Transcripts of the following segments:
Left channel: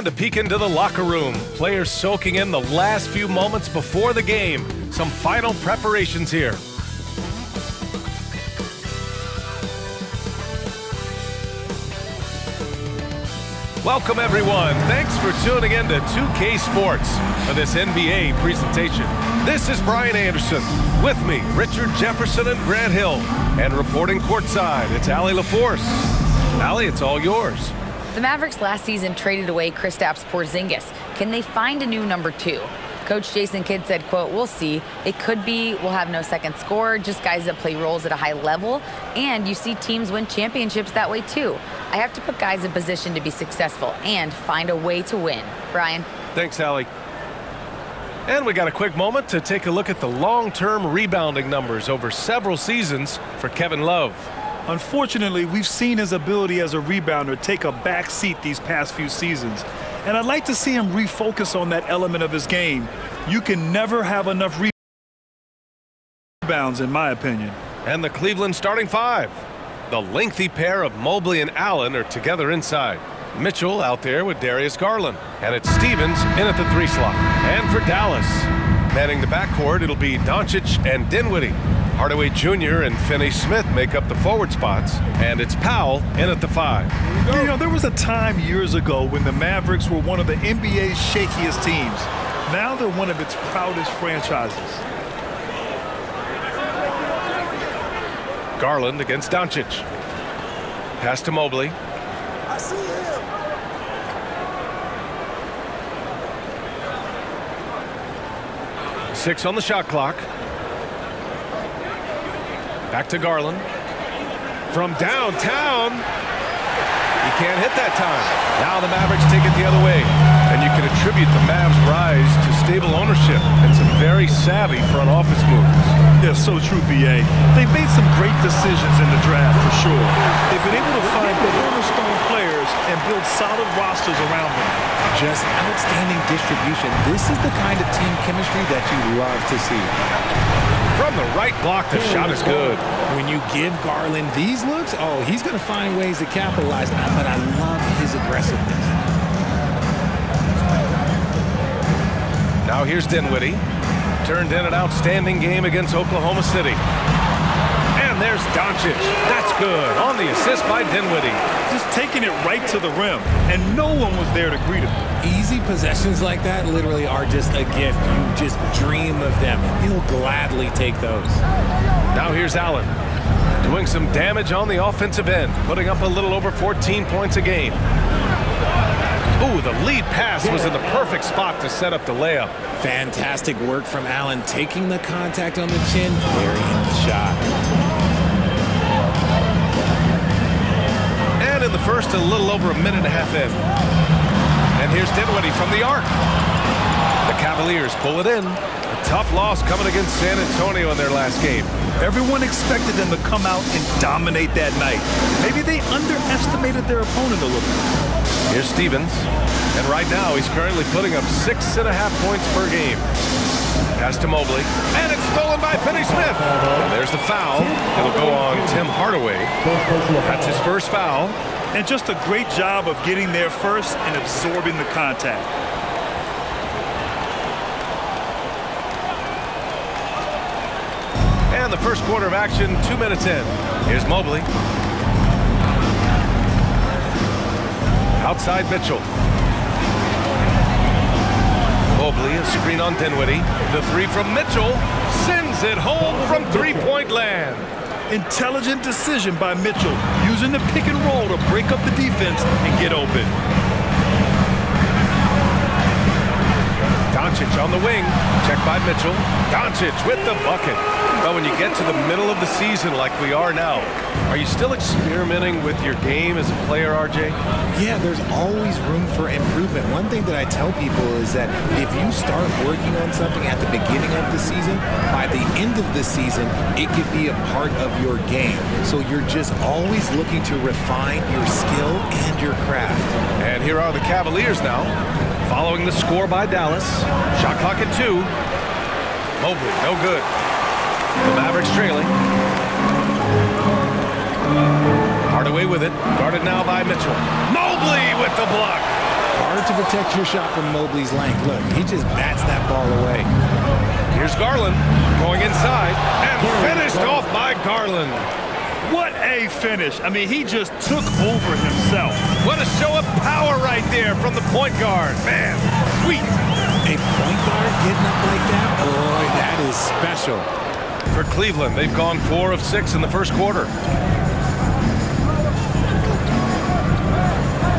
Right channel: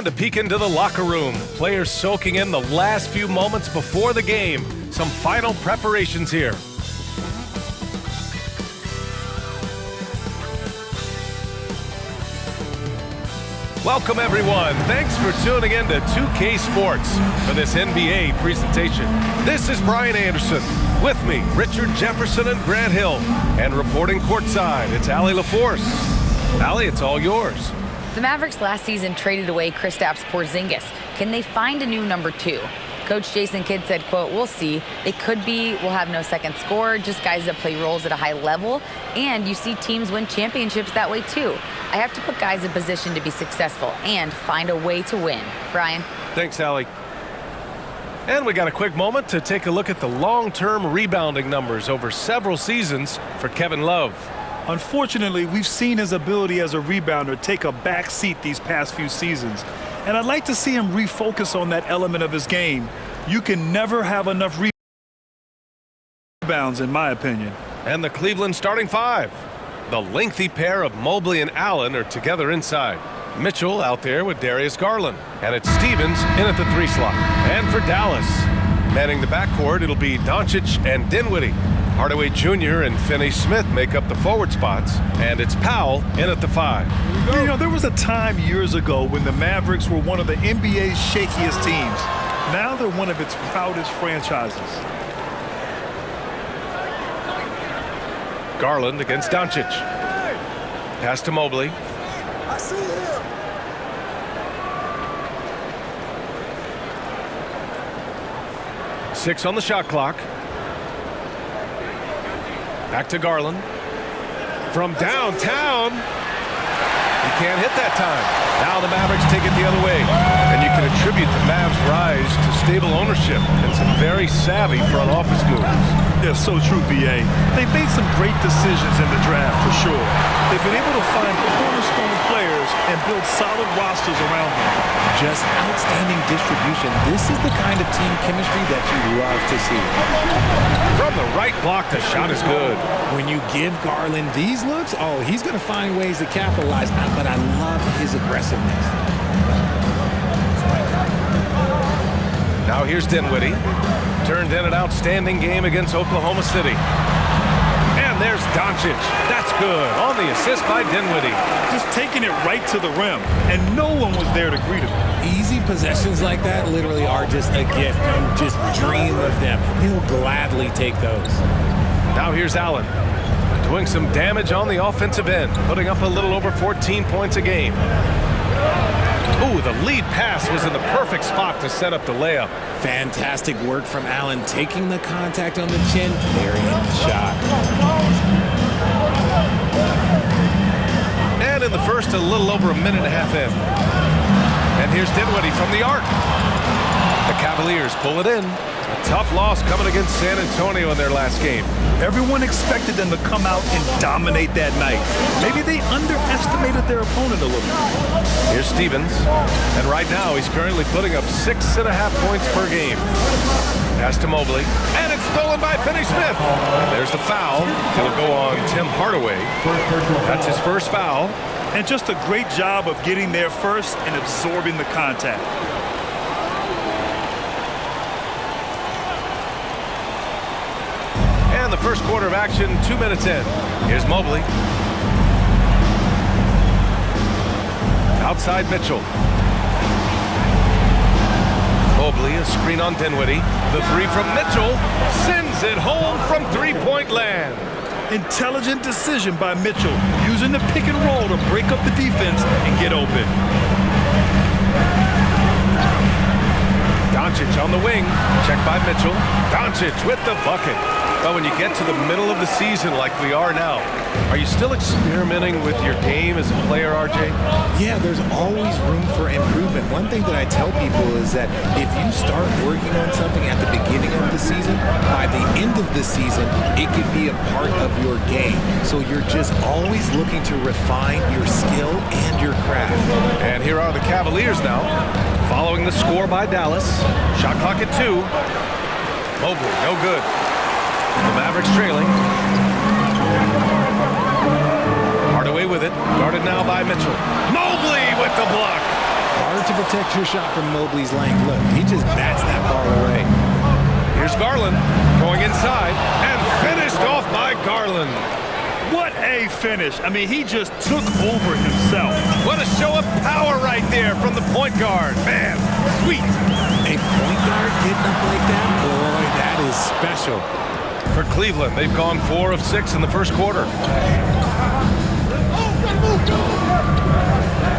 And a peek into the locker room. Players soaking in the last few moments before the game. Some final preparations here. Welcome, everyone. Thanks for tuning in to 2K Sports for this NBA presentation. This is Brian Anderson. With me, Richard Jefferson and Grant Hill. And reporting courtside, it's Allie LaForce. Allie, it's all yours. The Mavericks last season traded away Kristaps Porzingis. Can they find a new number two? Coach Jason Kidd said, quote, "We'll see. It could be we'll have no second scorer, just guys that play roles at a high level. And you see teams win championships that way, too. I have to put guys in position to be successful and find a way to win." Brian. Thanks, Allie. And we got a quick moment to take a look at the long-term rebounding numbers over several seasons for Kevin Love. Unfortunately, we've seen his ability as a rebounder take a back seat these past few seasons. And I'd like to see him refocus on that element of his game. You can never have enough rebounds, in my opinion. And the Cleveland starting five. The lengthy pair of Mobley and Allen are together inside. Mitchell out there with Darius Garland. And it's Stevens in at the 3 slot. And for Dallas, manning the backcourt, it'll be Doncic and Dinwiddie. Hardaway Jr. and Finney-Smith make up the forward spots, and it's Powell in at the 5. You know, there was a time years ago when the Mavericks were one of the NBA's shakiest teams. Now they're one of its proudest franchises. Garland against Doncic. Pass to Mobley. I see him. Six on the shot clock. Back to Garland. From downtown. He can't hit that time. Now the Mavericks take it the other way. And you can attribute the Mavs' rise to stable ownership and some very savvy front office moves. Yeah, so true, B.A. They've made some great decisions in the draft, for sure. They've been able to find cornerstone players and build solid rosters around them. Just outstanding distribution. This is the kind of team chemistry that you love to see. From the right block, the shot is good. When you give Garland these looks, oh, he's going to find ways to capitalize, but I love his aggressiveness. Now here's Dinwiddie. Turned in an outstanding game against Oklahoma City. And there's Doncic. That's good on the assist by Dinwiddie. Just taking it right to the rim, and no one was there to greet him. Easy possessions like that literally are just a gift. You just dream of them. He'll gladly take those. Now here's Allen. Doing some damage on the offensive end, putting up a little over 14 points a game. Ooh, the lead pass was in the perfect spot to set up the layup. Fantastic work from Allen, taking the contact on the chin, burying the shot. And in the first, a little over a minute and a half in. And here's Dinwiddie from the arc. The Cavaliers pull it in. A tough loss coming against San Antonio in their last game. Everyone expected them to come out and dominate that night. Maybe they underestimated their opponent a little. Here's Stevens, and right now he's currently putting up 6.5 points per game. Pass to Mobley, and it's stolen by Finney-Smith. And there's the foul. It'll go on Tim Hardaway. That's his first foul. And just a great job of getting there first and absorbing the contact. And the first quarter of action, 2 minutes in. Here's Mobley. Outside Mitchell. Mobley, a screen on Dinwiddie. The 3 from Mitchell sends it home from three-point land. Intelligent decision by Mitchell, using the pick and roll to break up the defense and get open. Doncic on the wing. Checked by Mitchell. Doncic with the bucket. Well, when you get to the middle of the season like we are now, are you still experimenting with your game as a player, RJ? Yeah, there's always room for improvement. One thing that I tell people is that if you start working on something at the beginning of the season, by the end of the season, it could be a part of your game. So you're just always looking to refine your skill and your craft. And here are the Cavaliers now, following the score by Dallas. Shot clock at 2. Mobley, no good. The Mavericks trailing. Hardaway with it. Guarded now by Mitchell. Mobley with the block. hard to protect your shot from Mobley's length. Look, he just bats that ball away. Here's Garland going inside and finished off by Garland. What a finish. I mean, he just took over himself. What a show of power right there from the point guard. Man, sweet. A point guard getting up like that? Boy, that is special. For Cleveland, they've gone 4 of 6 in the first quarter.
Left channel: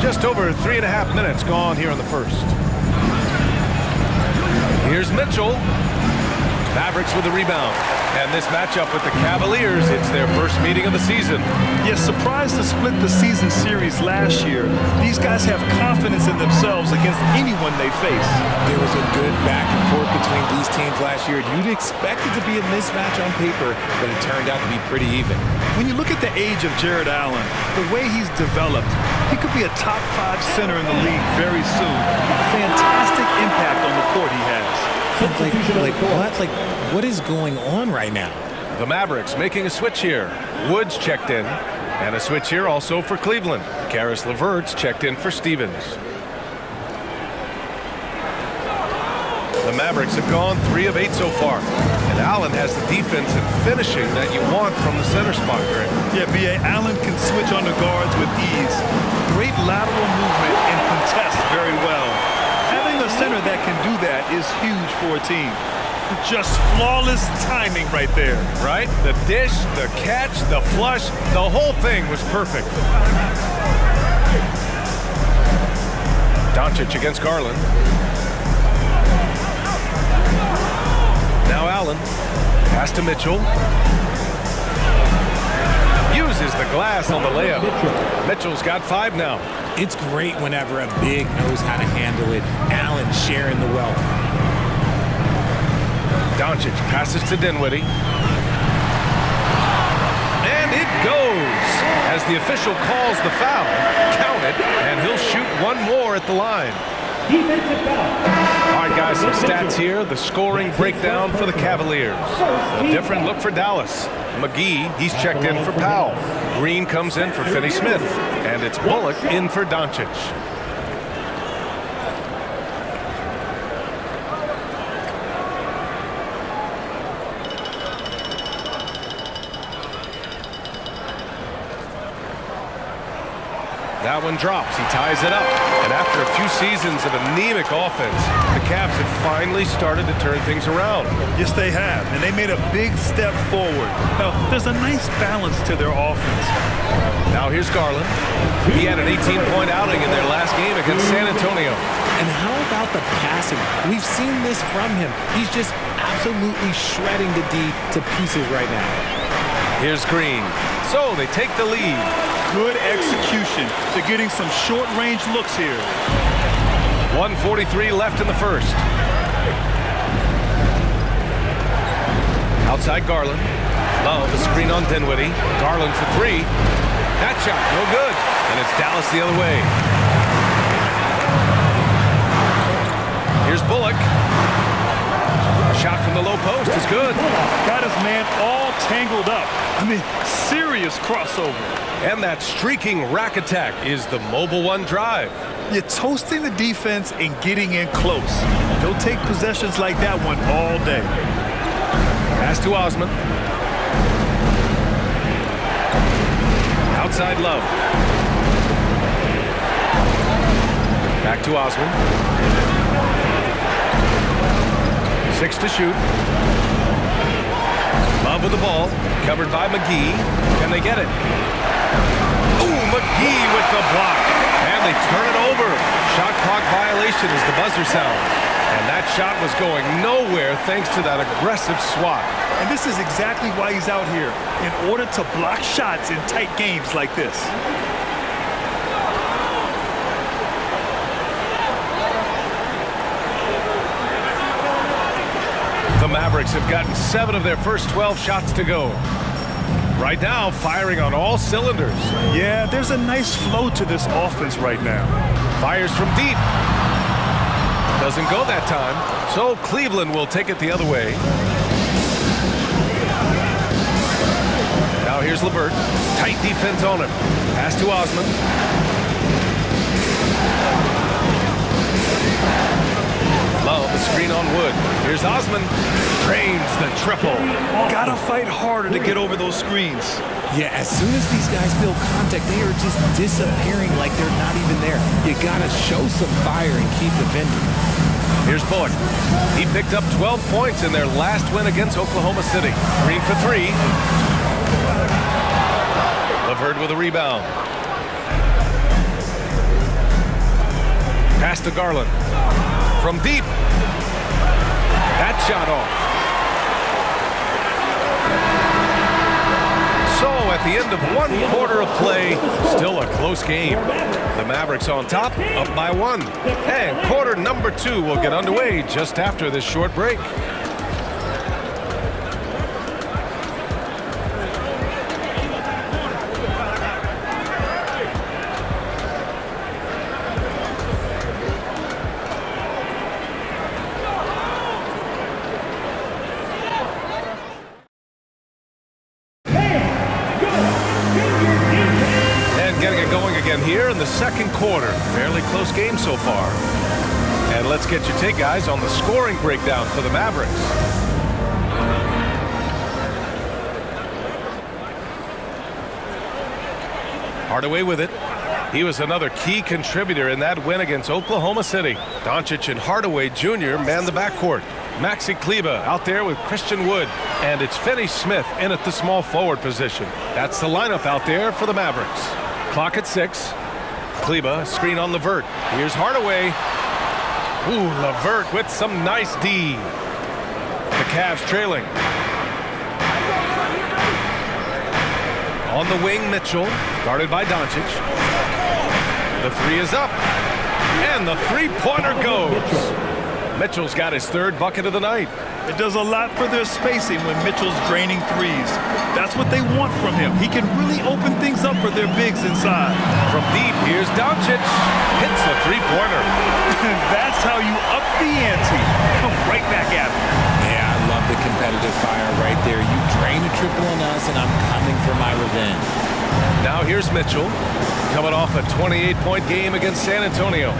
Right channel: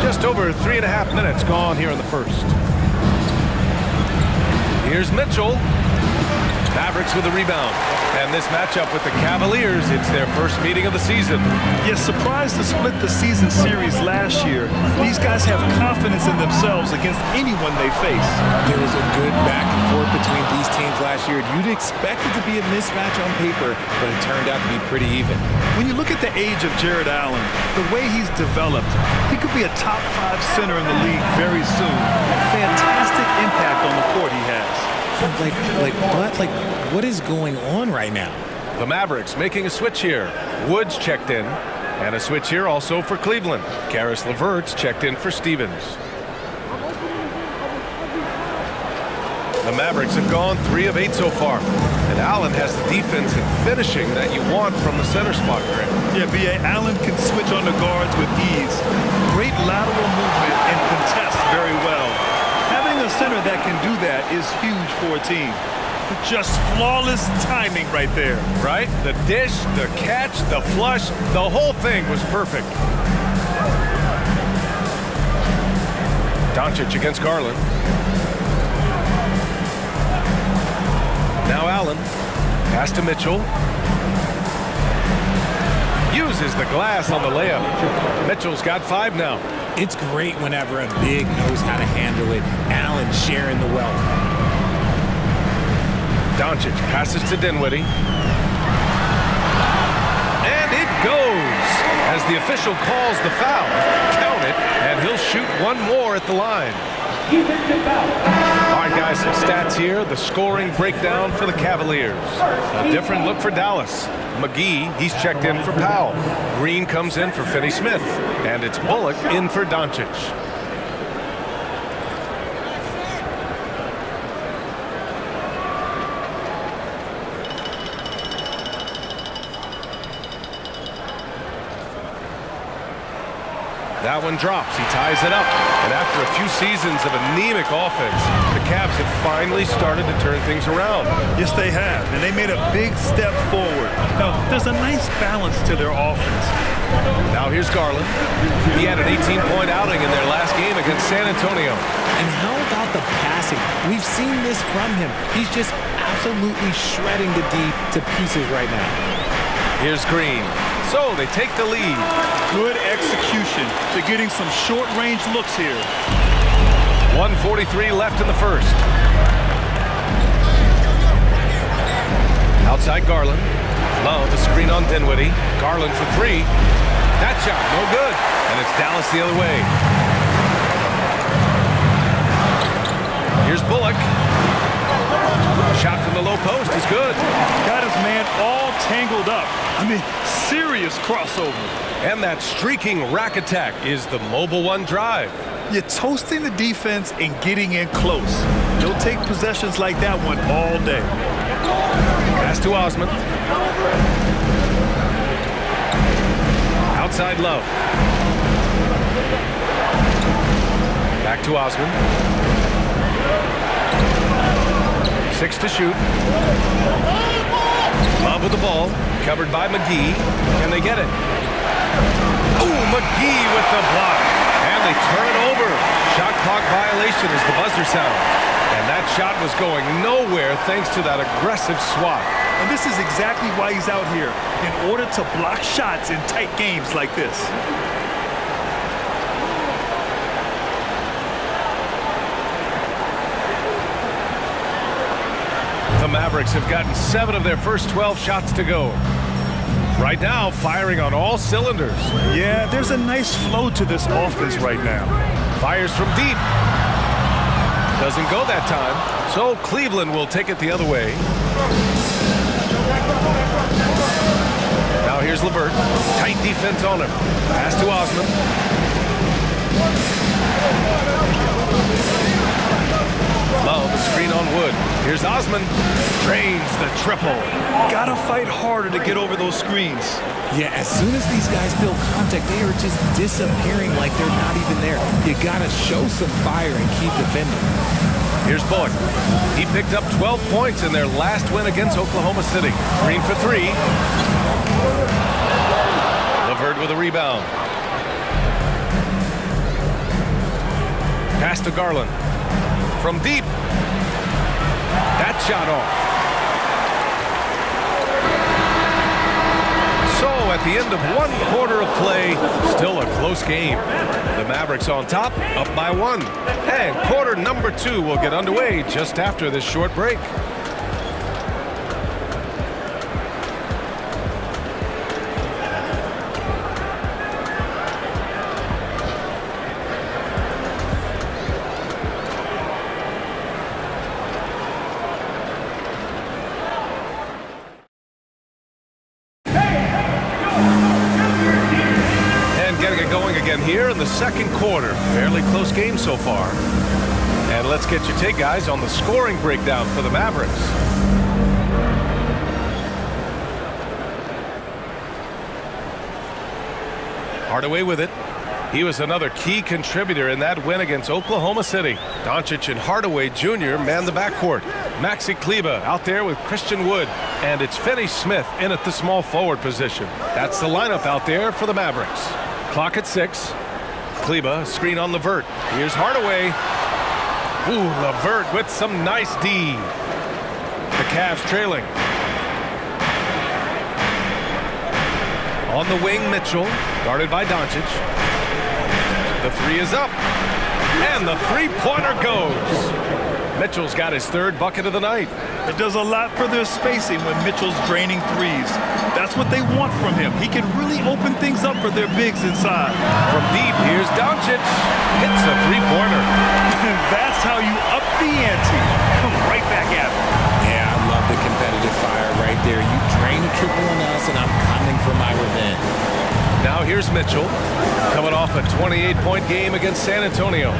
Just over 3.5 minutes gone here in the first. Here's Mitchell. Mavericks with a rebound. And this matchup with the Cavaliers, it's their first meeting of the season. Yes, surprised to split the season series last year. These guys have confidence in themselves against anyone they face. There was a good back and forth between these teams last year. You'd expect it to be a mismatch on paper, but it turned out to be pretty even. When you look at the age of Jared Allen, the way he's developed, he could be a top 5 center in the league very soon. Fantastic impact on the court he has. What is going on right now? The Mavericks making a switch here. Woods checked in. And a switch here also for Cleveland. Karis LeVert's checked in for Stevens. The Mavericks have gone 3 of 8 so far. And Allen has the defense and finishing that you want from the center spot, Grant. Yeah, B.A. Allen can switch on the guards with ease. Great lateral movement and contests very well. Having a center that can do that is huge for a team. Just flawless timing right there. Right? The dish, the catch, the flush, the whole thing was perfect. Doncic against Garland. Now Allen. Pass to Mitchell. Uses the glass on the layup. Mitchell's got 5 now. It's great whenever a big knows how to handle it. Allen sharing the wealth. Doncic passes to Dinwiddie. And it goes. As the official calls the foul, count it, and he'll shoot 1 more at the line. Defensive foul. All right, guys, some stats here. The scoring breakdown for the Cavaliers. A different look for Dallas. McGee, he's checked in for Powell. Green comes in for Finney-Smith. And it's Bullock in for Doncic. That one drops. He ties it up. And after a few seasons of anemic offense, the Cavs have finally started to turn things around. Yes, they have, and they made a big step forward. Now, there's a nice balance to their offense. Now here's Garland. He had an 18-point outing in their last game against San Antonio. And how about the passing? We've seen this from him. He's just absolutely shredding the D to pieces right now. Here's Green. So they take the lead. Good execution. They're getting some short-range looks here. 1:43 left in the first. Outside Garland. Love, a screen on Dinwiddie. Garland for 3. That shot, no good. And it's Dallas the other way. Here's Bullock. A shot from the low post is good. Got his man all tangled up. I mean, serious crossover. And that streaking rack attack is the Mobile One drive. You're toasting the defense and getting in close. Don't take possessions like that one all day. Pass to Osman. Outside Love. Back to Osman. 6 to shoot. Love with the ball. Covered by McGee. Can they get it? Ooh, McGee with the block. And they turn it over. Shot clock violation as the buzzer sounds. And that shot was going nowhere thanks to that aggressive swat. And this is exactly why he's out here, in order to block shots in tight games like this. The Mavericks have gotten 7 of their first 12 shots to go. Right now, firing on all cylinders. Yeah, there's a nice flow to this offense right now. Fires from deep. Doesn't go that time, so Cleveland will take it the other way. Now here's LeVert. Tight defense on him. Pass to Osman. Love a screen on Wood. Here's Osman. Drains the triple. Gotta fight harder to get over those screens. Yeah, as soon as these guys build contact, they are just disappearing like they're not even there. You gotta show some fire and keep defending. Here's Bullock. He picked up 12 points in their last win against Oklahoma City. Green for three. LeVert with a rebound. Pass to Garland. From deep. That shot off. So at the end of 1 quarter of play, still a close game. The Mavericks on top, up by 1. And quarter number 2 will get underway just after this short break. Getting it going again here in the second quarter. Fairly close game so far. And let's get your take, guys, on the scoring breakdown for the Mavericks. Hardaway with it. He was another key contributor in that win against Oklahoma City. Doncic and Hardaway Jr. man the backcourt. Maxi Kleber out there with Christian Wood. And it's Finney Smith in at the small forward position. That's the lineup out there for the Mavericks. Clock at 6. Kleber, screen on LeVert. Here's Hardaway. Ooh, LeVert with some nice D. The Cavs trailing. On the wing, Mitchell, guarded by Doncic. The three is up. And the three-pointer goes. Mitchell's got his 3rd bucket of the night. It does a lot for their spacing when Mitchell's draining threes. That's what they want from him. He can really open things up for their bigs inside. From deep, here's Doncic. Hits a three-pointer. That's how you up the ante. Come right back at him. Yeah, I love the competitive fire right there. You drain a triple on us, and I'm coming for my revenge. Now here's Mitchell, coming off a 28-point game against San Antonio.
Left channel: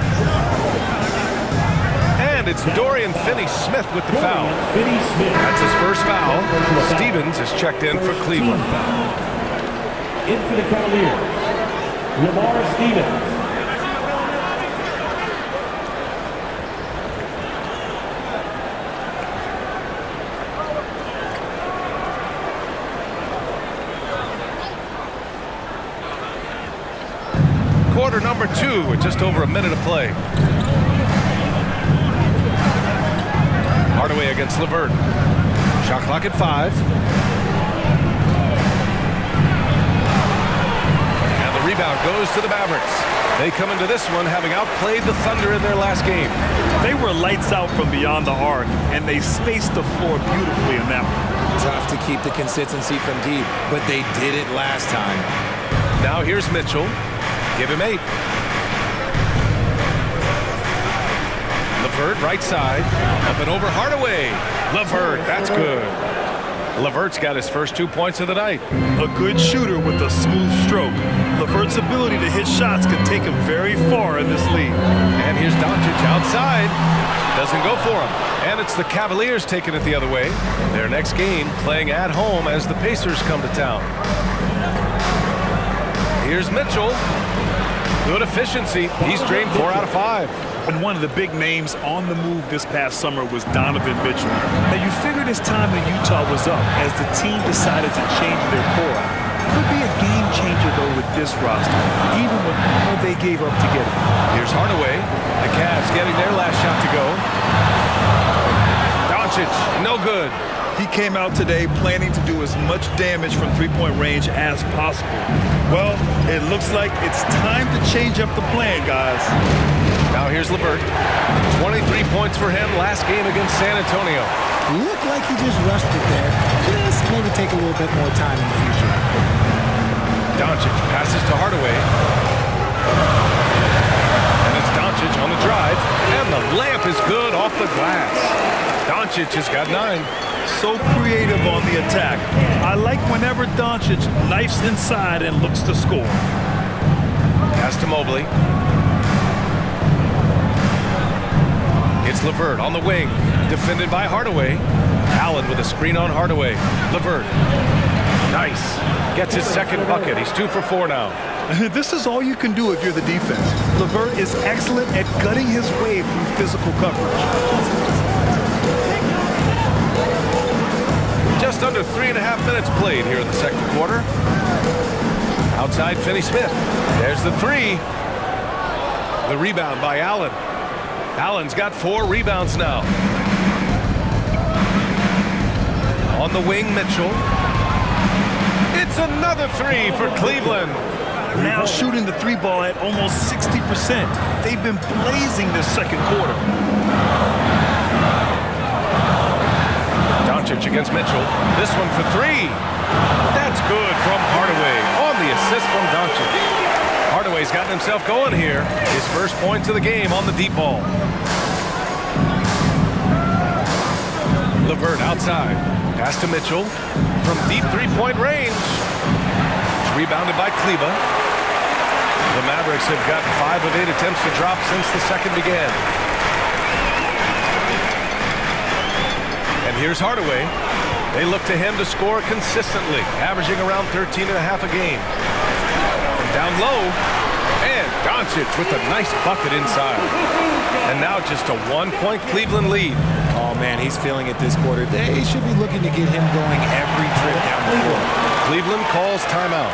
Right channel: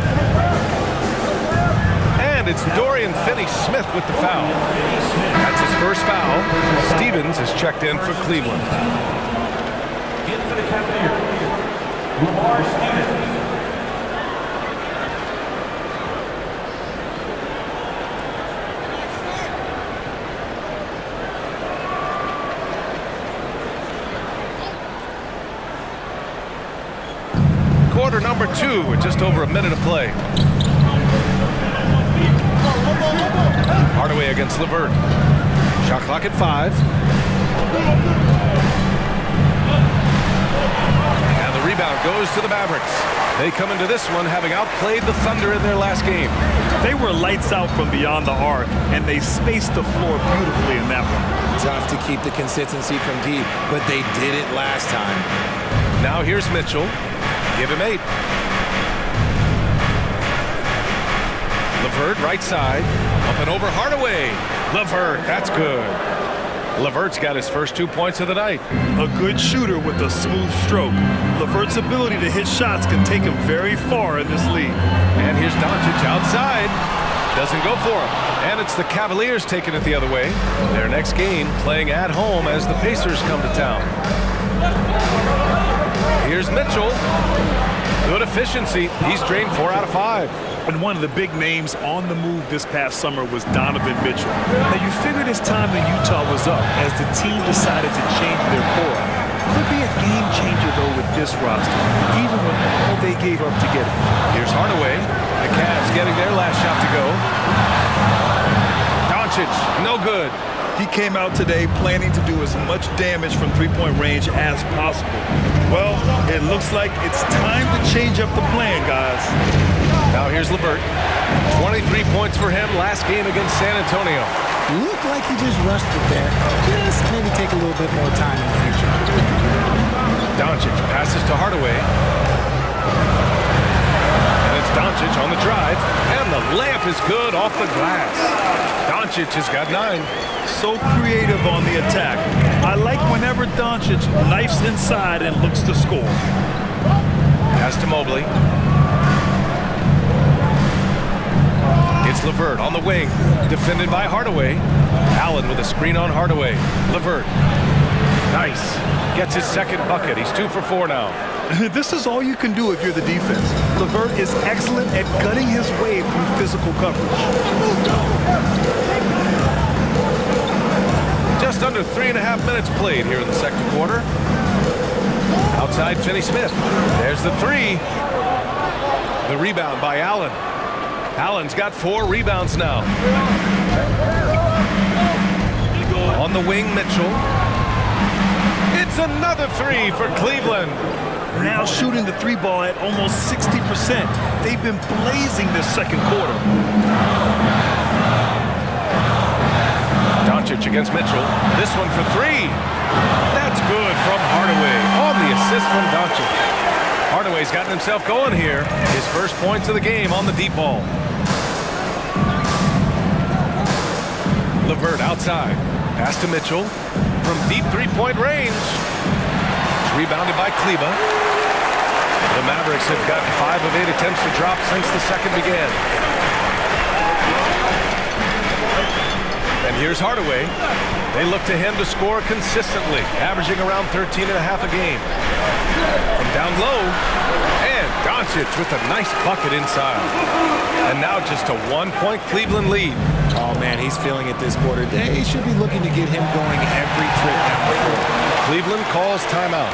And it's Dorian Finney-Smith with the foul. That's his first foul. Stevens is checked in for Cleveland. In for the Cavaliers, Lamar Stevens. Quarter number 2 with just over a minute of play. Hardaway against LeVert. Shot clock at 5. And the rebound goes to the Mavericks. They come into this one having outplayed the Thunder in their last game. They were lights out from beyond the arc, and they spaced the floor beautifully in that one. Tough to keep the consistency from deep, but they did it last time. Now here's Mitchell. Give him 8. LeVert right side. Up and over Hardaway. LeVert, that's good. LeVert's got his first 2 points of the night. A good shooter with a smooth stroke. LeVert's ability to hit shots can take him very far in this league. And here's Doncic outside. Doesn't go for him. And it's the Cavaliers taking it the other way. Their next game playing at home as the Pacers come to town. Here's Mitchell. Good efficiency. He's drained 4 out of 5. And one of the big names on the move this past summer was Donovan Mitchell. Now, you figured his time in Utah was up as the team decided to change their core out. Could be a game changer, though, with this roster, even with all they gave up to get him. Here's Hardaway. The Cavs getting their last shot to go. Doncic, no good. He came out today planning to do as much damage from three-point range as possible. Well, it looks like it's time to change up the plan, guys. Now here's LeVert. 23 points for him last game against San Antonio. Looked like he just rushed it there. Just maybe take a little bit more time in the future. Doncic passes to Hardaway. And it's Doncic on the drive. And the layup is good off the glass. Doncic has got 9. So creative on the attack. I like whenever Doncic knifes inside and looks to score. Pass to Mobley. It's Levert on the wing, defended by Hardaway. Allen with a screen on Hardaway. Levert. Nice. Gets his second bucket. He's 2 for 4 now. This is all you can do if you're the defense. Levert is excellent at gutting his way through physical coverage. Just under 3.5 minutes played here in the second quarter. Outside Finney-Smith. There's the three. The rebound by Allen. Allen's got 4 rebounds now. On the wing, Mitchell. It's another three for Cleveland. Now shooting the 3 ball at almost 60%. They've been blazing this second quarter. Doncic against Mitchell. This one for 3. That's good from Hardaway on the assist from Doncic. Hardaway's gotten himself going here. His first points of the game on the deep ball. Levert outside. Pass to Mitchell from deep 3-point range. It's rebounded by Kleba. The Mavericks have gotten 5 of 8 attempts to drop since the second began. And here's Hardaway. They look to him to score consistently, averaging around 13.5 a game. From down low, and Doncic with a nice bucket inside. And now just a 1-point Cleveland lead. Oh, man, he's feeling it this quarter. They should be looking to get him going every trip down the floor. Cleveland calls timeout.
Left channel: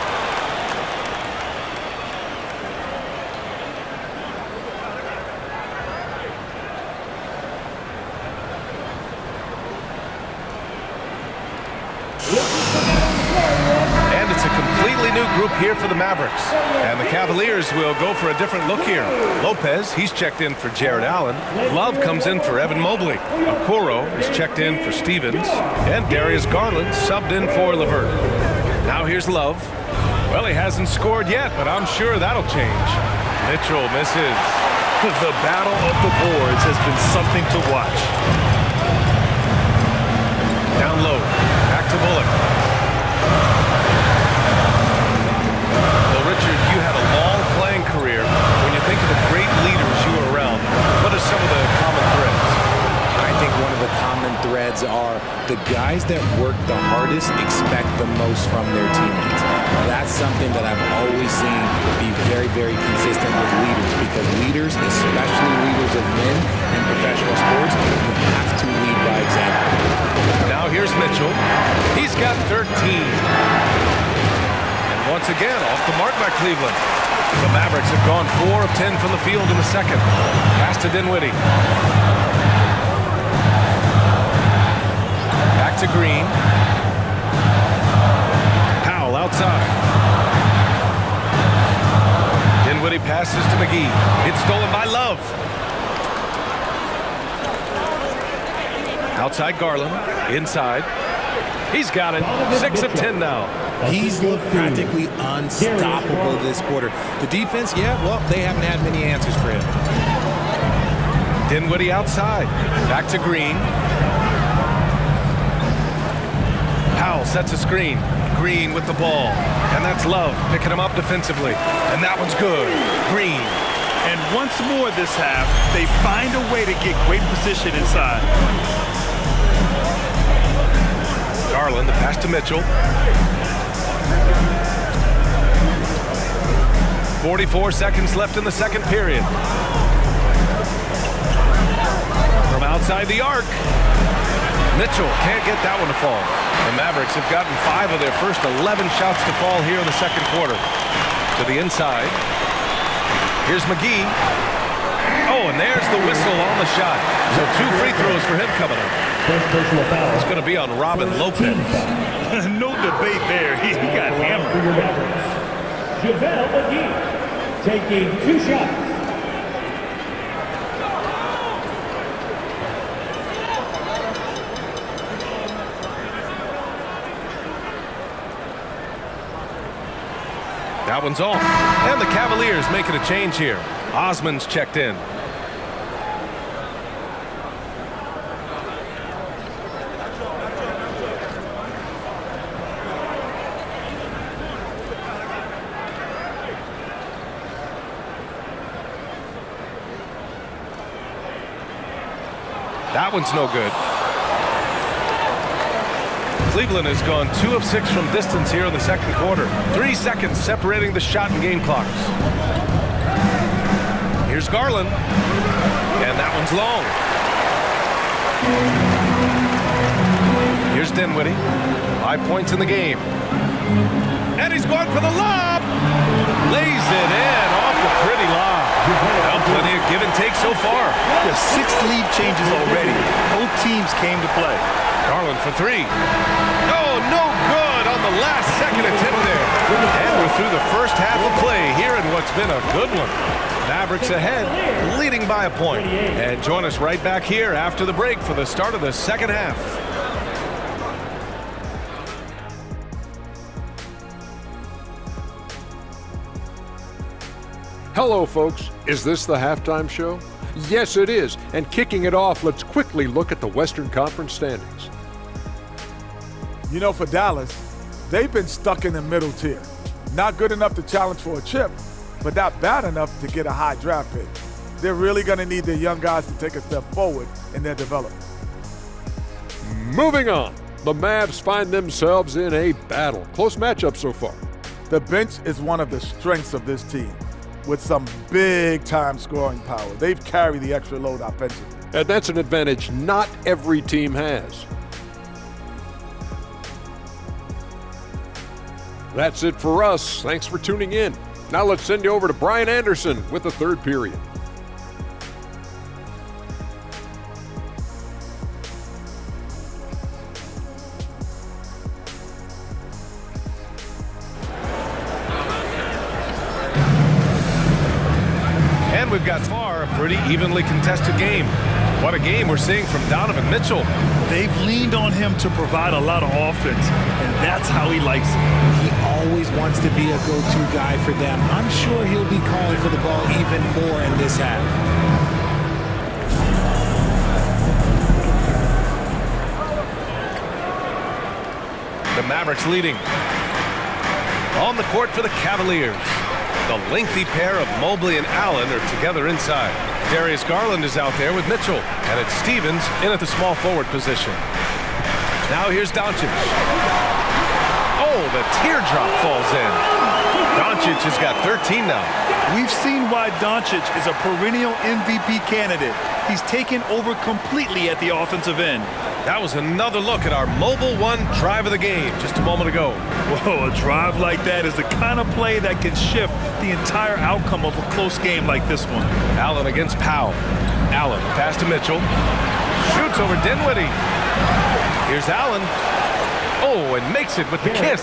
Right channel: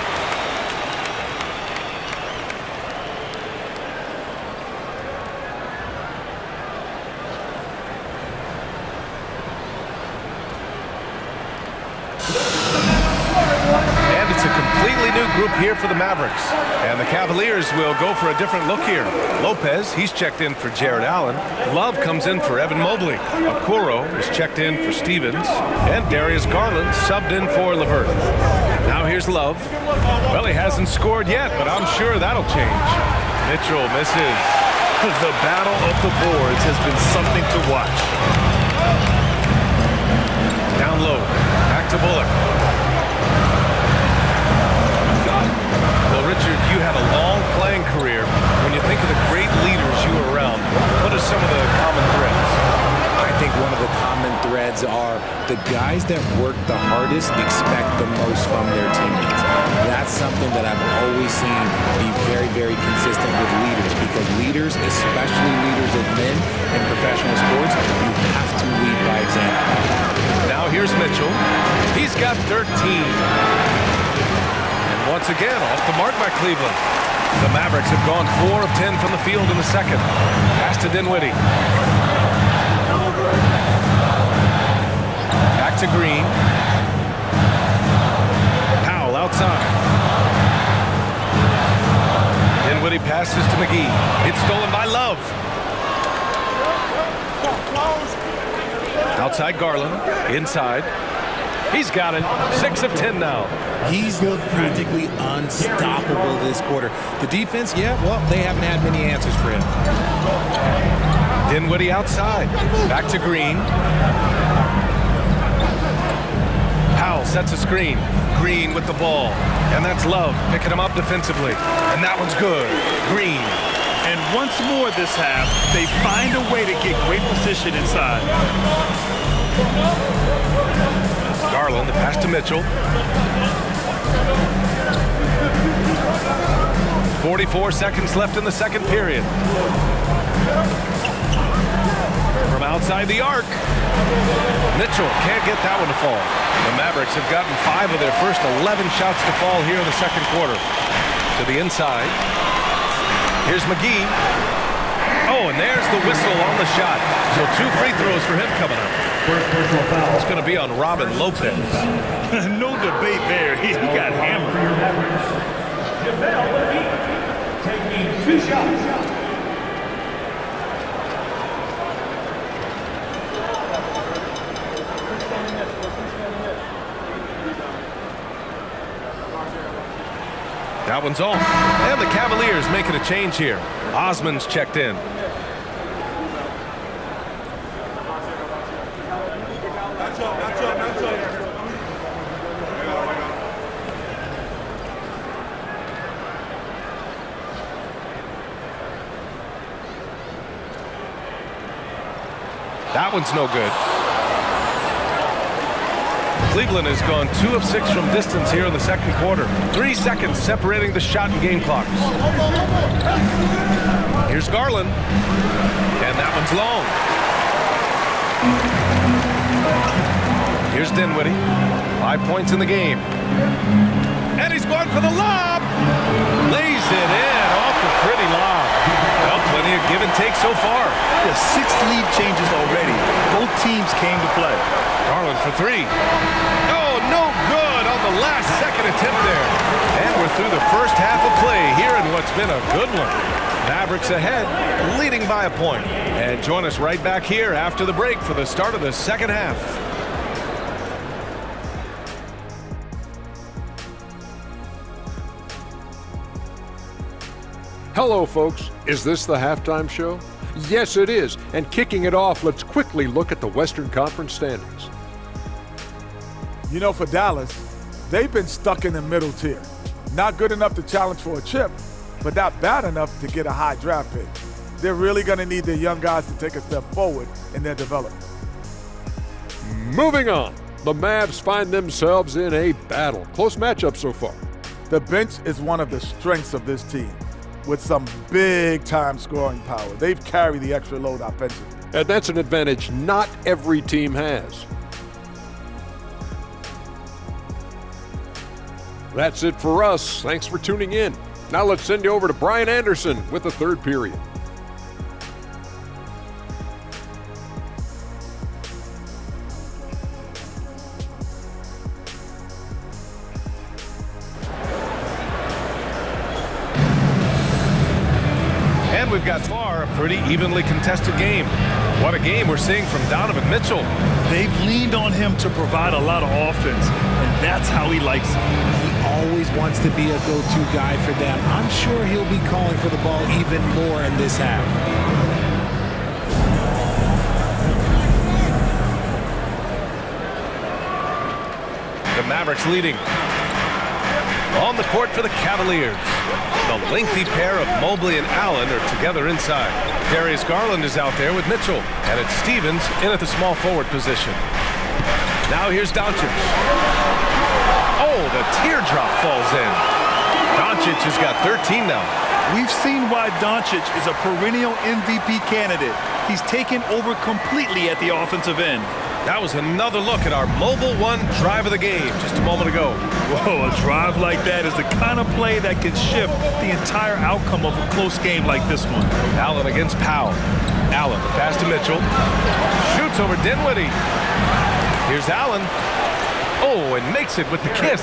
And it's a completely new group here for the Mavericks. And the Cavaliers will go for a different look here. Lopez, he's checked in for Jared Allen. Love comes in for Evan Mobley. Okoro is checked in for Stevens. And Darius Garland subbed in for Levert. Now here's Love. Well, he hasn't scored yet, but I'm sure that'll change. Mitchell misses. The battle of the boards has been something to watch. Down low. Back to Bullock. Well, Richard, you had a long playing career. When you think of the great leaders you were around, what are some of the common threads? I think one of the common threads are the guys that work the hardest expect the most from their teammates. That's something that I've always seen be very, very consistent with leaders, because leaders, especially leaders of men in professional sports, you have to lead by example. Now here's Mitchell. He's got 13. And once again, off the mark by Cleveland. The Mavericks have gone 4 of 10 from the field in the second. Pass to Dinwiddie. Back to Green. Powell outside. Dinwiddie passes to McGee. It's stolen by Love. Outside Garland. Inside. He's got it. 6 of 10 now. He's looked practically unstoppable this quarter. The defense, yeah, well, they haven't had many answers for him. Dinwiddie outside. Back to Green. Powell sets a screen. Green with the ball. And that's Love picking him up defensively. And that one's good. Green. And once more this half, they find a way to get great position inside. Garland, the pass to Mitchell. 44 seconds left in the second period. From outside the arc. Mitchell can't get that one to fall. The Mavericks have gotten 5 of their first 11 shots to fall here in the second quarter. To the inside. Here's McGee. Oh, and there's the whistle on the shot. So 2 free throws for him coming up. It's going to be on Robin Lopez. No debate there. He got hammered. For your Mavericks, JaVale McGee taking 2 shots. That one's off. And the Cavaliers making a change here. Osman's checked in. That one's no good. Cleveland has gone 2 of 6 from distance here in the second quarter. 3 seconds separating the shot and game clocks. Here's Garland. And that one's long. Here's Dinwiddie. 5 points in the game. And he's going for the lob. Lays it in off the pretty lob. Well, plenty of give and take so far. Yeah, 6 lead changes already. Both teams came to play. Garland for 3. Oh, no good on the last second attempt there. And we're through the first half of play here in what's been a good one. Mavericks ahead, leading by a point. And join us right back here after the break for the start of the second half. Hello, folks. Is this the halftime show? Yes, it is. And kicking it off, let's quickly look at the Western Conference standings. You know, for Dallas, they've been stuck in the middle tier. Not good enough to challenge for a chip, but not bad enough to get a high draft pick. They're really going to need their young guys to take a step forward in their development. Moving on. The Mavs find themselves in a battle. Close matchup so far. The bench is one of the strengths of this team, with some big-time scoring power. They've carried the extra load offensively. And that's an advantage not every team has. That's it for us. Thanks for tuning in. Now let's send you over to Brian Anderson with the third period. And we've got far a pretty evenly contested game. What a game we're seeing from Donovan Mitchell. They've leaned on him to provide a lot of offense, and that's how he likes it. He always wants to be a go-to guy for them. I'm sure he'll be calling for the ball even more in this half. The Mavericks leading. On the court for the Cavaliers. The lengthy pair of Mobley and Allen are together inside. Darius Garland is out there with Mitchell. And it's Stevens in at the small forward position. Now here's Doncic. Oh, the teardrop falls in. Doncic has got 13 now. We've seen why Doncic is a perennial MVP candidate. He's taken over completely at the offensive end. That was another look at our Mobile One drive of the game just a moment ago. Whoa, a drive like that is the kind of play that can shift the entire outcome of a close game like this one. Allen against Powell. Allen, the pass to Mitchell. Shoots over Dinwiddie. Here's Allen. Oh, and makes it with the kiss.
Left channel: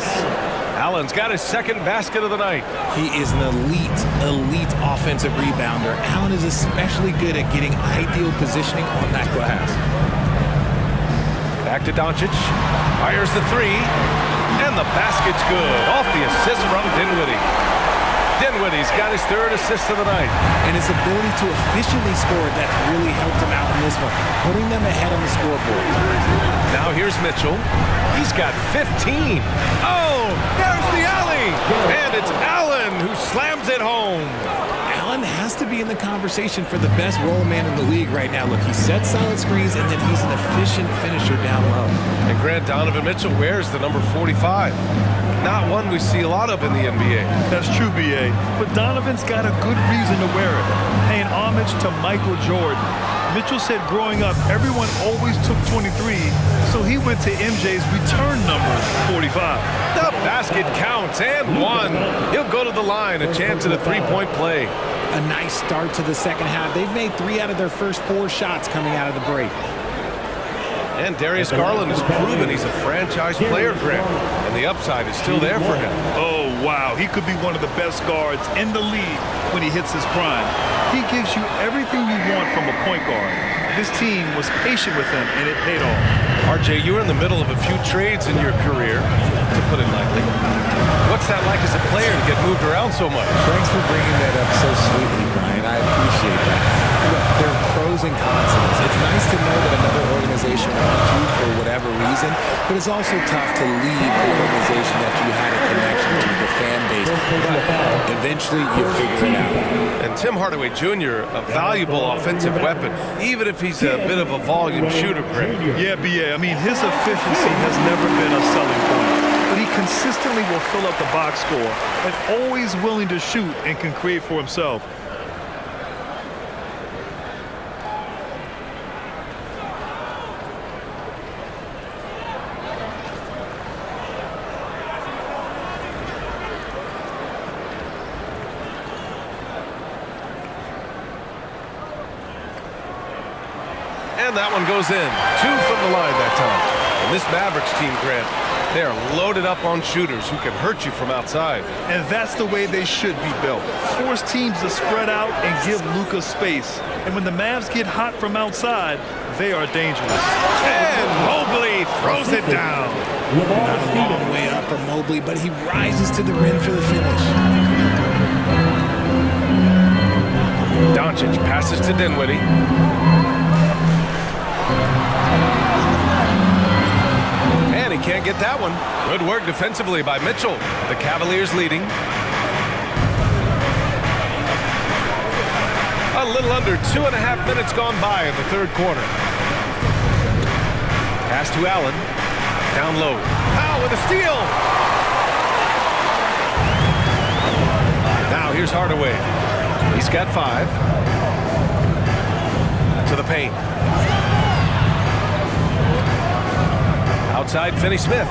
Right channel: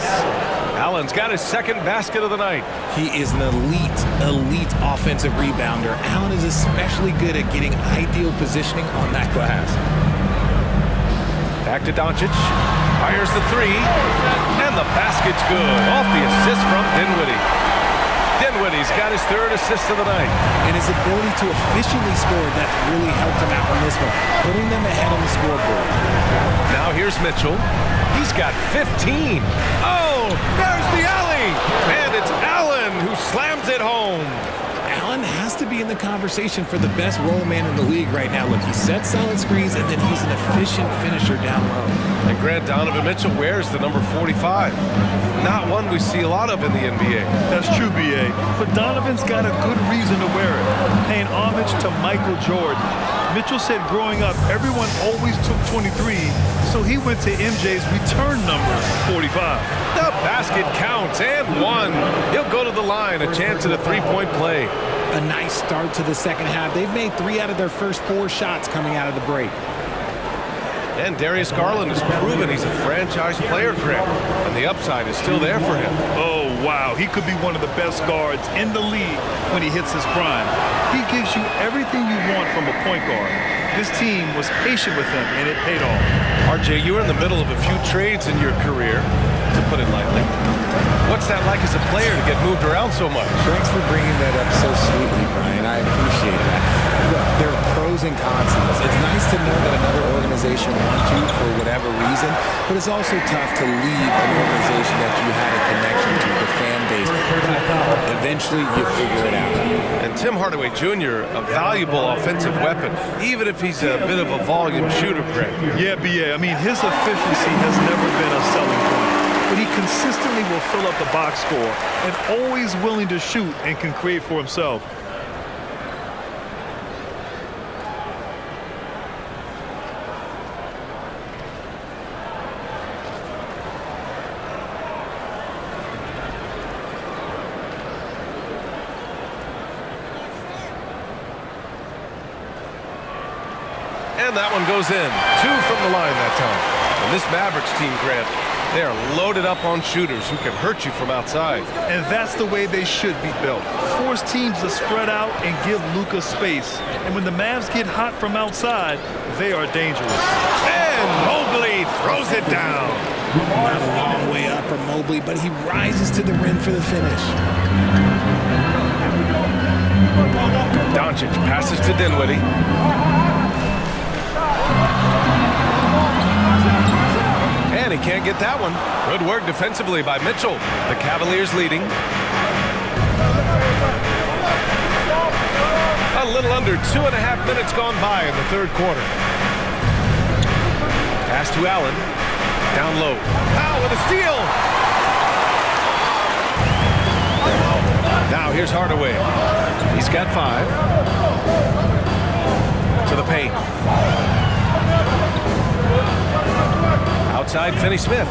Allen's got his second basket of the night. He is an elite offensive rebounder. Allen is especially good at getting ideal positioning on that glass. Back to Doncic. Fires the 3. And the basket's good. Off the assist from Dinwiddie. Dinwiddie's got his third assist of the night. And his ability to efficiently score, that's really helped him out in this one, putting them ahead on the scoreboard. Now here's Mitchell. He's got 15. Oh, there's the alley. And it's Allen who slams it home. Allen has to be in the conversation for the best roll man in the league right now. Look, he sets solid screens, and then he's an efficient finisher down low. And Grant, Donovan Mitchell wears the number 45. Not one we see a lot of in the NBA. That's true, B.A., but Donovan's got a good reason to wear it, paying homage to Michael Jordan. Mitchell said growing up, everyone always took 23, so he went to MJ's return number, 45. The basket counts, and one. He'll go to the line, a chance at a three-point play. A nice start to the second half. They've made 3 out of their first 4 shots coming out of the break. And Darius Garland has proven he's a franchise player, Grant, and the upside is still there for him. Oh, wow. He could be one of the best guards in the league when he hits his prime. He gives you everything you want from a point guard. This team was patient with him, and it paid off. RJ, you were in the middle of a few trades in your career, to put it lightly. What's that like as a player to get moved around so much? Thanks for bringing that up so sweetly, Brian. I appreciate that. look, there's pros and cons to this. It's nice to know that another organization wants you for whatever reason, but it's also tough to leave an organization that you had a connection to, the fan base. But eventually you figure it out. And Tim Hardaway Jr., a valuable offensive weapon, even if he's a bit of a volume shooter, Greg. Yeah, BA. I mean, his efficiency has never been a selling point, but he consistently will fill up the box score and always willing to shoot and can create for himself. And that one goes in. 2 from the line that time. And this Mavericks team, Grant, they are loaded up on shooters who can hurt you from outside. And that's the way they should be built. Force teams to spread out and give Luka space. And when the Mavs get hot from outside, they are dangerous. And Mobley throws it down. Not a long way up for Mobley, but he rises to the rim for the finish. Doncic passes to Dinwiddie. And he can't get that one. Good work defensively by Mitchell. The Cavaliers leading. A little under 2.5 minutes gone by in the third quarter. Pass to Allen. Down low. Powell with a steal. Now here's Hardaway. He's got 5. To the paint. Outside, Finney-Smith.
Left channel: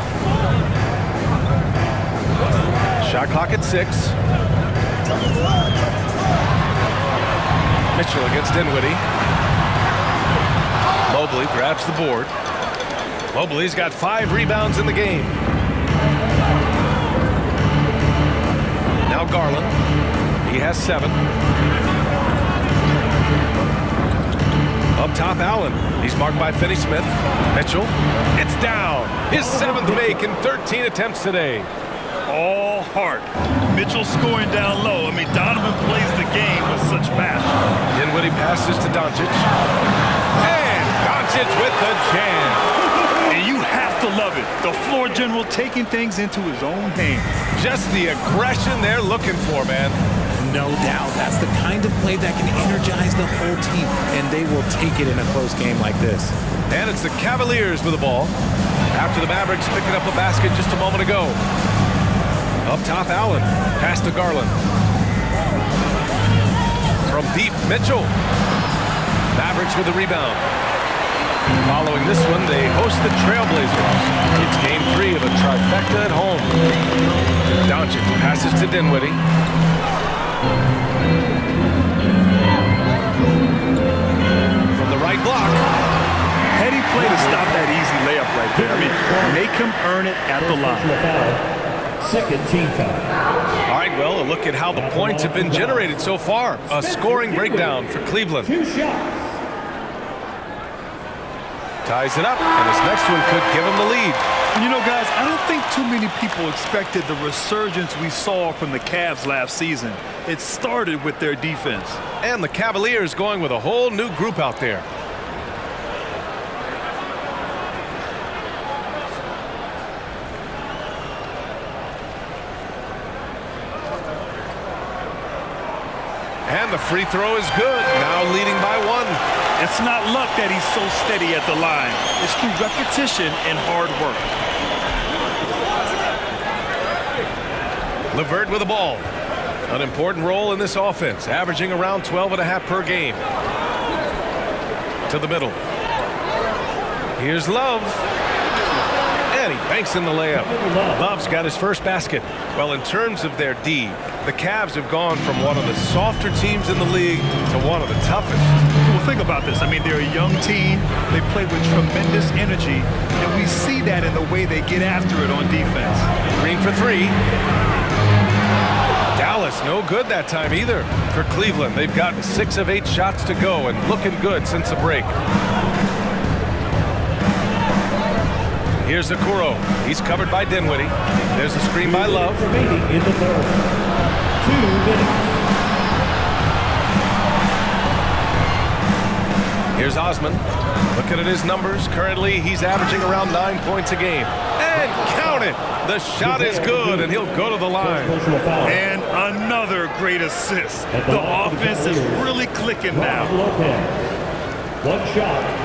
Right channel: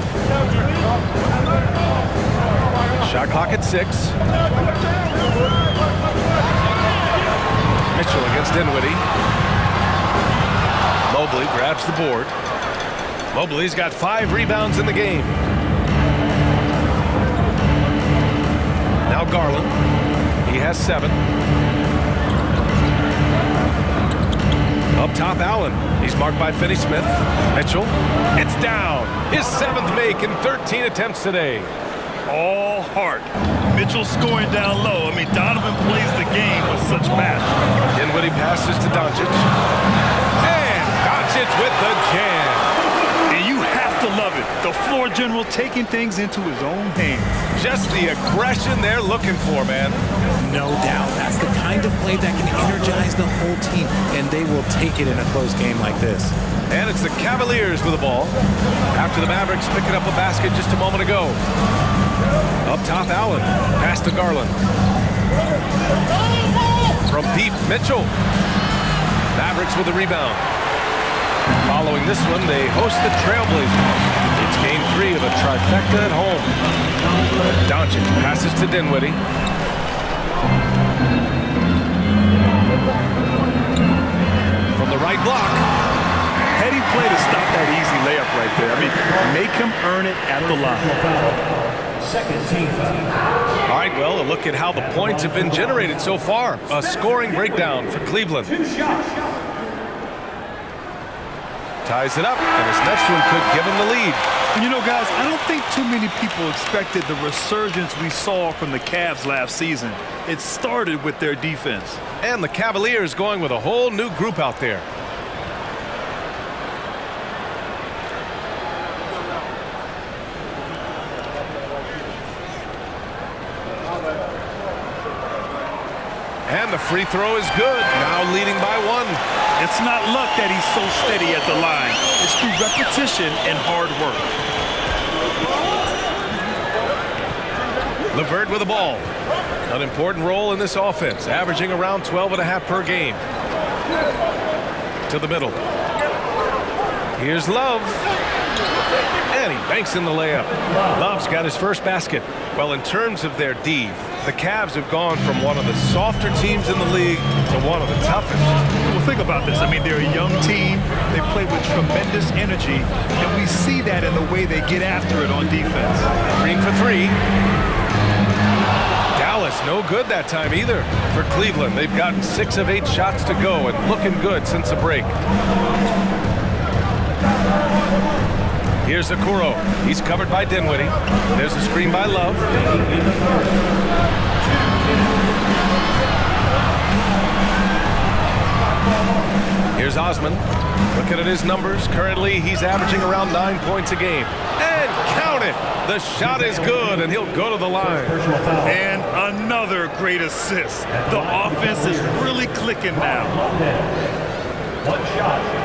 Shot clock at 6. Mitchell against Dinwiddie. Mobley grabs the board. Mobley's got 5 rebounds in the game. Now Garland. He has 7. Up top, Allen. He's marked by Finney-Smith. Mitchell. It's down. His 7th make in 13 attempts today. All heart. Mitchell scoring down low. I mean, Donovan plays the game with such passion. Dinwiddie passes to Doncic. And Doncic with the jam. And you have to love it. The floor general taking things into his own hands. Just the aggression they're looking for, man. No doubt. That's the kind of play that can energize the whole team, and they will take it in a close game like this. And it's the Cavaliers with the ball. After the Mavericks picking up a basket just a moment ago. Up top, Allen. Pass to Garland. From deep, Mitchell. Mavericks with the rebound. Following this one, they host the Trailblazers. It's game 3 of a trifecta at home. Doncic passes to Dinwiddie. From the right block. Heady play to stop that easy layup right there. I mean, make him earn it at the line. Second team foul. All right, well, a look at how the points have been generated so far. A scoring breakdown for Cleveland. 2 shots. Ties it up, and his next one could give him the lead. And you know, guys, I don't think too many people expected the resurgence we saw from the Cavs last season. It started with their defense. And the Cavaliers going with a whole new group out there. And the free throw is good, now leading by 1. It's not luck that he's so steady at the line. It's through repetition and hard work. LeVert with the ball. An important role in this offense, averaging around 12.5 per game. To the middle. Here's Love. And he banks in the layup. Love's got his first basket. Well, in terms of their D, the Cavs have gone from one of the softer teams in the league to one of the toughest. Well, think about this. I mean, they're a young team. They play with tremendous energy, and we see that in the way they get after it on defense. Green for 3. Dallas, no good that time either. For Cleveland, they've gotten 6 of 8 shots to go and looking good since the break. Here's Okoro. He's covered by Dinwiddie. There's a screen by Love. In the third. 2 minutes. Here's Osman. Looking at his numbers, currently he's averaging around 9 points a game. And count it! The shot is good, and he'll go to the line. And another great assist. The offense is really clicking now. One shot.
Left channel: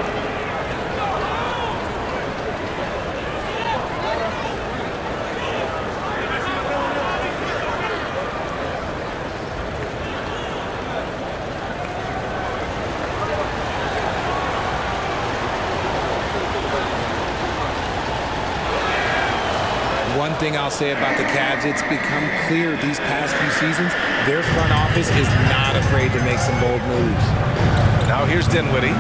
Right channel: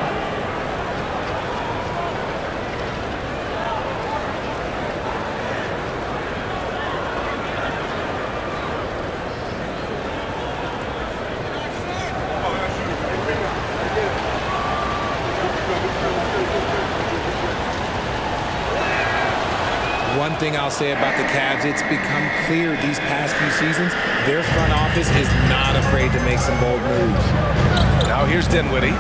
One thing I'll say about the Cavs, it's become clear these past few seasons, their front office is not afraid to make some bold moves. Now here's Dinwiddie.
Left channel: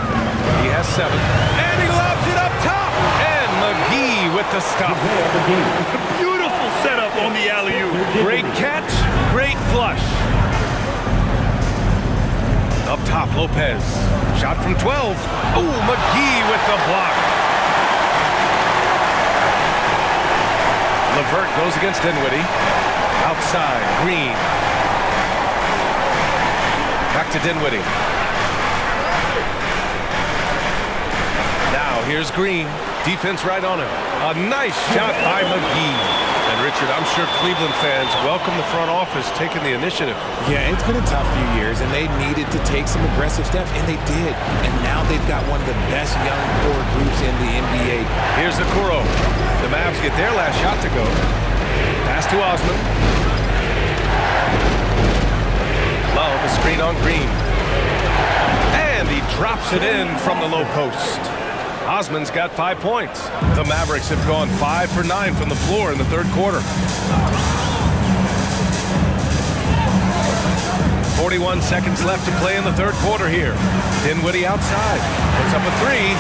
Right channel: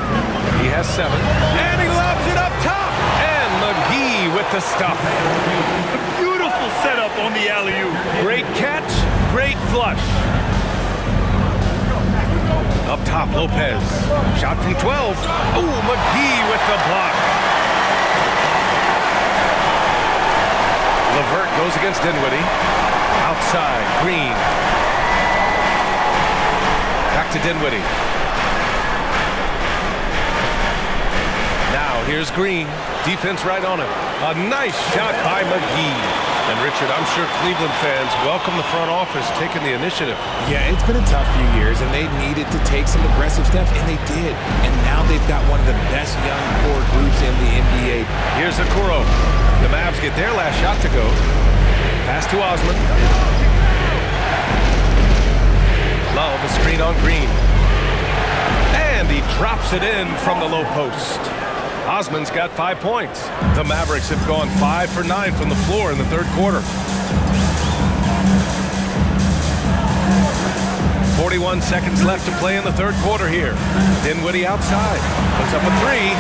He has 7. And he lobs it up top. And McGee with the stuff. Beautiful setup on the alley-oop. Great catch, great flush. Up top, Lopez. Shot from 12. Oh, McGee with the block. Levert goes against Dinwiddie. Outside, Green. Back to Dinwiddie. Now here's Green. Defense right on him. A nice shot by McGee. And Richard, I'm sure Cleveland fans welcome the front office taking the initiative. Yeah, it's been a tough few years, and they needed to take some aggressive steps, and they did. And now they've got one of the best young core groups in the NBA. Here's Okoro. The Mavs get their last shot to go. Pass to Osman. Love a screen on Green. And he drops it in from the low post. Osman's got 5 points. The Mavericks have gone 5 for 9 from the floor in the third quarter. 41 seconds left to play in the third quarter here. Dinwiddie outside. Puts up a 3.